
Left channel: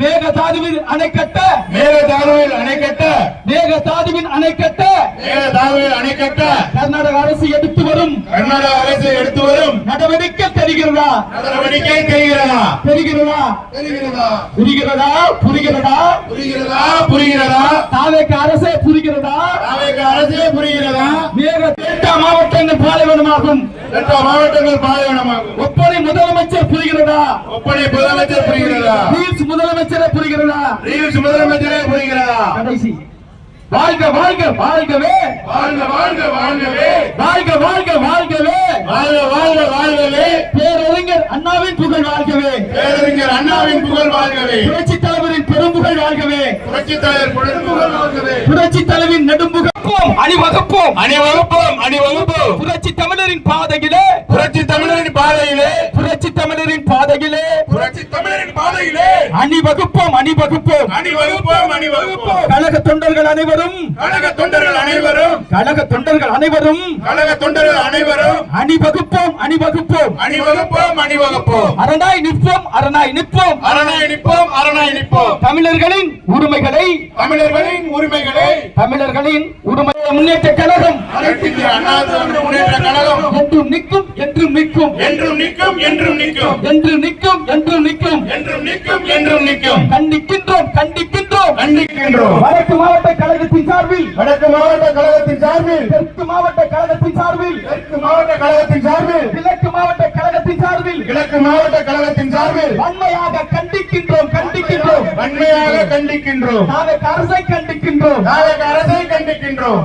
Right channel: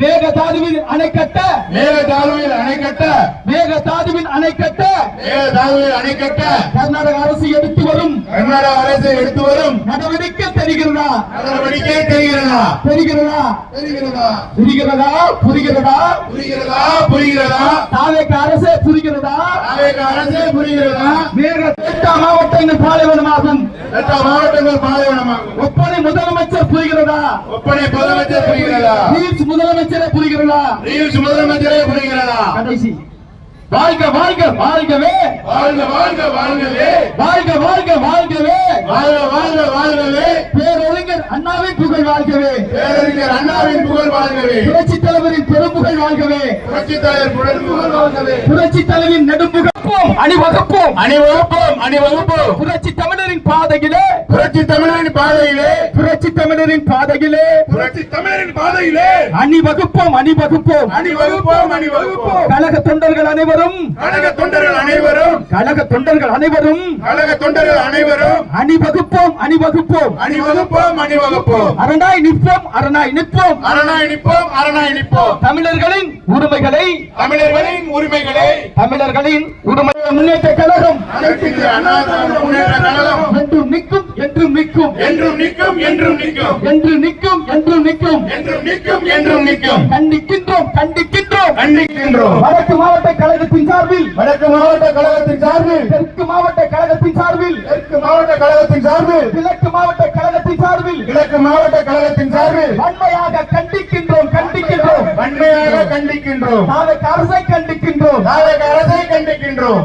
மேகதாதுவில் அணை கட்ட மேகதாதுவில் அணை கட்ட மேகதாதுவின் அணை கட்ட மேகதாதுவில் அணை கட்ட கர்நாடக அரசு எடுத்து வரும் கர்நாடக அரசு எடுத்து வரும் நடவடிக்கை தெரிகிறதா நடவடிக்கை தெரிகிறதா தெரிகிறதா தெரிகிறதா புரிகிறதா புரிகிறதா புரிகிறதா புரிகிறதா. தாவேக அரசே புரிகிறதா? தாவேக அரசே புரிகிறதா? மேக 8 மாவட்டங்கள் பாலைவனமாகும். 8 மாவட்டங்கள் பாலைவனமாகும். ஒப்பனை முதலமைச்சர் புரிகிறதா? ஒப்பனை முதலமைச்சர் புரிகிறதா? ரீல்ஸ் முதலமைச்சரே புரிகிறதா? ரீல்ஸ் முதலமைச்சரே புரிகிறதா? கடைசி வாழ்க வாழ்க வாழ்கவே வாழ்க வாழ்க வாழ்கவே வாழ்க வாழ்க வாழ்கவே வாழ்க வாழ்க வாழ்கவே பேரறிஞர் அண்ணாவின் புகழ் வாழ்கவே பேரறிஞர் அண்ணாவின் புகழ் வாழ்கவே புரட்சி தலைவரின் பெரும்புகழ் வாழ்கவே புரட்சி தலைவர் புகழ் வாழ்கவே புரட்சி தலைவின் நெடும்புகப்போம் அணிவகுப்போம் அணிவகுப்போம் அணிவகுப்போம். புரட்சி தமிழரின் பாதையிலே புரட்சி தமிழரின் பாதையிலே புரட்சி தமிழரின் பாதையிலே புரட்சி தமிழரின் பாதையிலே அணிவகுப்போம் அணிவகுப்போம் அணிவகுப்போம் அணிவகுப்போம். கழக தொண்டர்கள் அனைவரும் கழக தொண்டர்கள் அனைவரும் கழக தொண்டர்கள் அனைவரும் கழக தொண்டர்கள் அனைவரும் அணிவகுப்போம் அணிவகுப்போம் அணிவகுப்போம் அணிவகுப்போம். அரணாய் நிற்போம் அரணாய் நிற்போம் அரணாய் நிற்போம் அரணாய் நிற்போம். தமிழர்களின் உரிமைகளை தமிழர்களின் உரிமைகளை தமிழர்களின் உரிமை முன்னேற்ற கழகம் அனைத்து இந்திய அண்ணா திராவிட முன்னேற்ற கழகம் என்றும் நிற்கும் என்றும் நிற்கும் என்றும் நிற்கும் என்றும் நிற்கும் என்று நிற்கும் என்றும் நிற்கும் என்றும் நிற்கும் என்றும் நிற்கும். கண்டிக்கின்றோம் கண்டிக்கின்றோம் கண்டிக்கின்றோம். வடக்கு மாவட்ட கழகத்தின் சார்பில் வடக்கு மாவட்ட கழகத்தின் சார்பில் தெற்கு மாவட்ட கழகத்தின் சார்பில் தெற்கு மாவட்ட கழகத்தின் சார்பில் கிழக்கு மாவட்ட கழகத்தின் சார்பில் கிழக்கு மாவட்ட கழகத்தின் சார்பில் வன்மையாக கண்டிக்கின்றோம் கண்டிக்கின்றோம் வன்மையாக கண்டிக்கின்றோம். நாளைக்கு அரசை கண்டிக்கின்றோம். நாளைக்கு அரசை கண்டிக்கின்றோம்.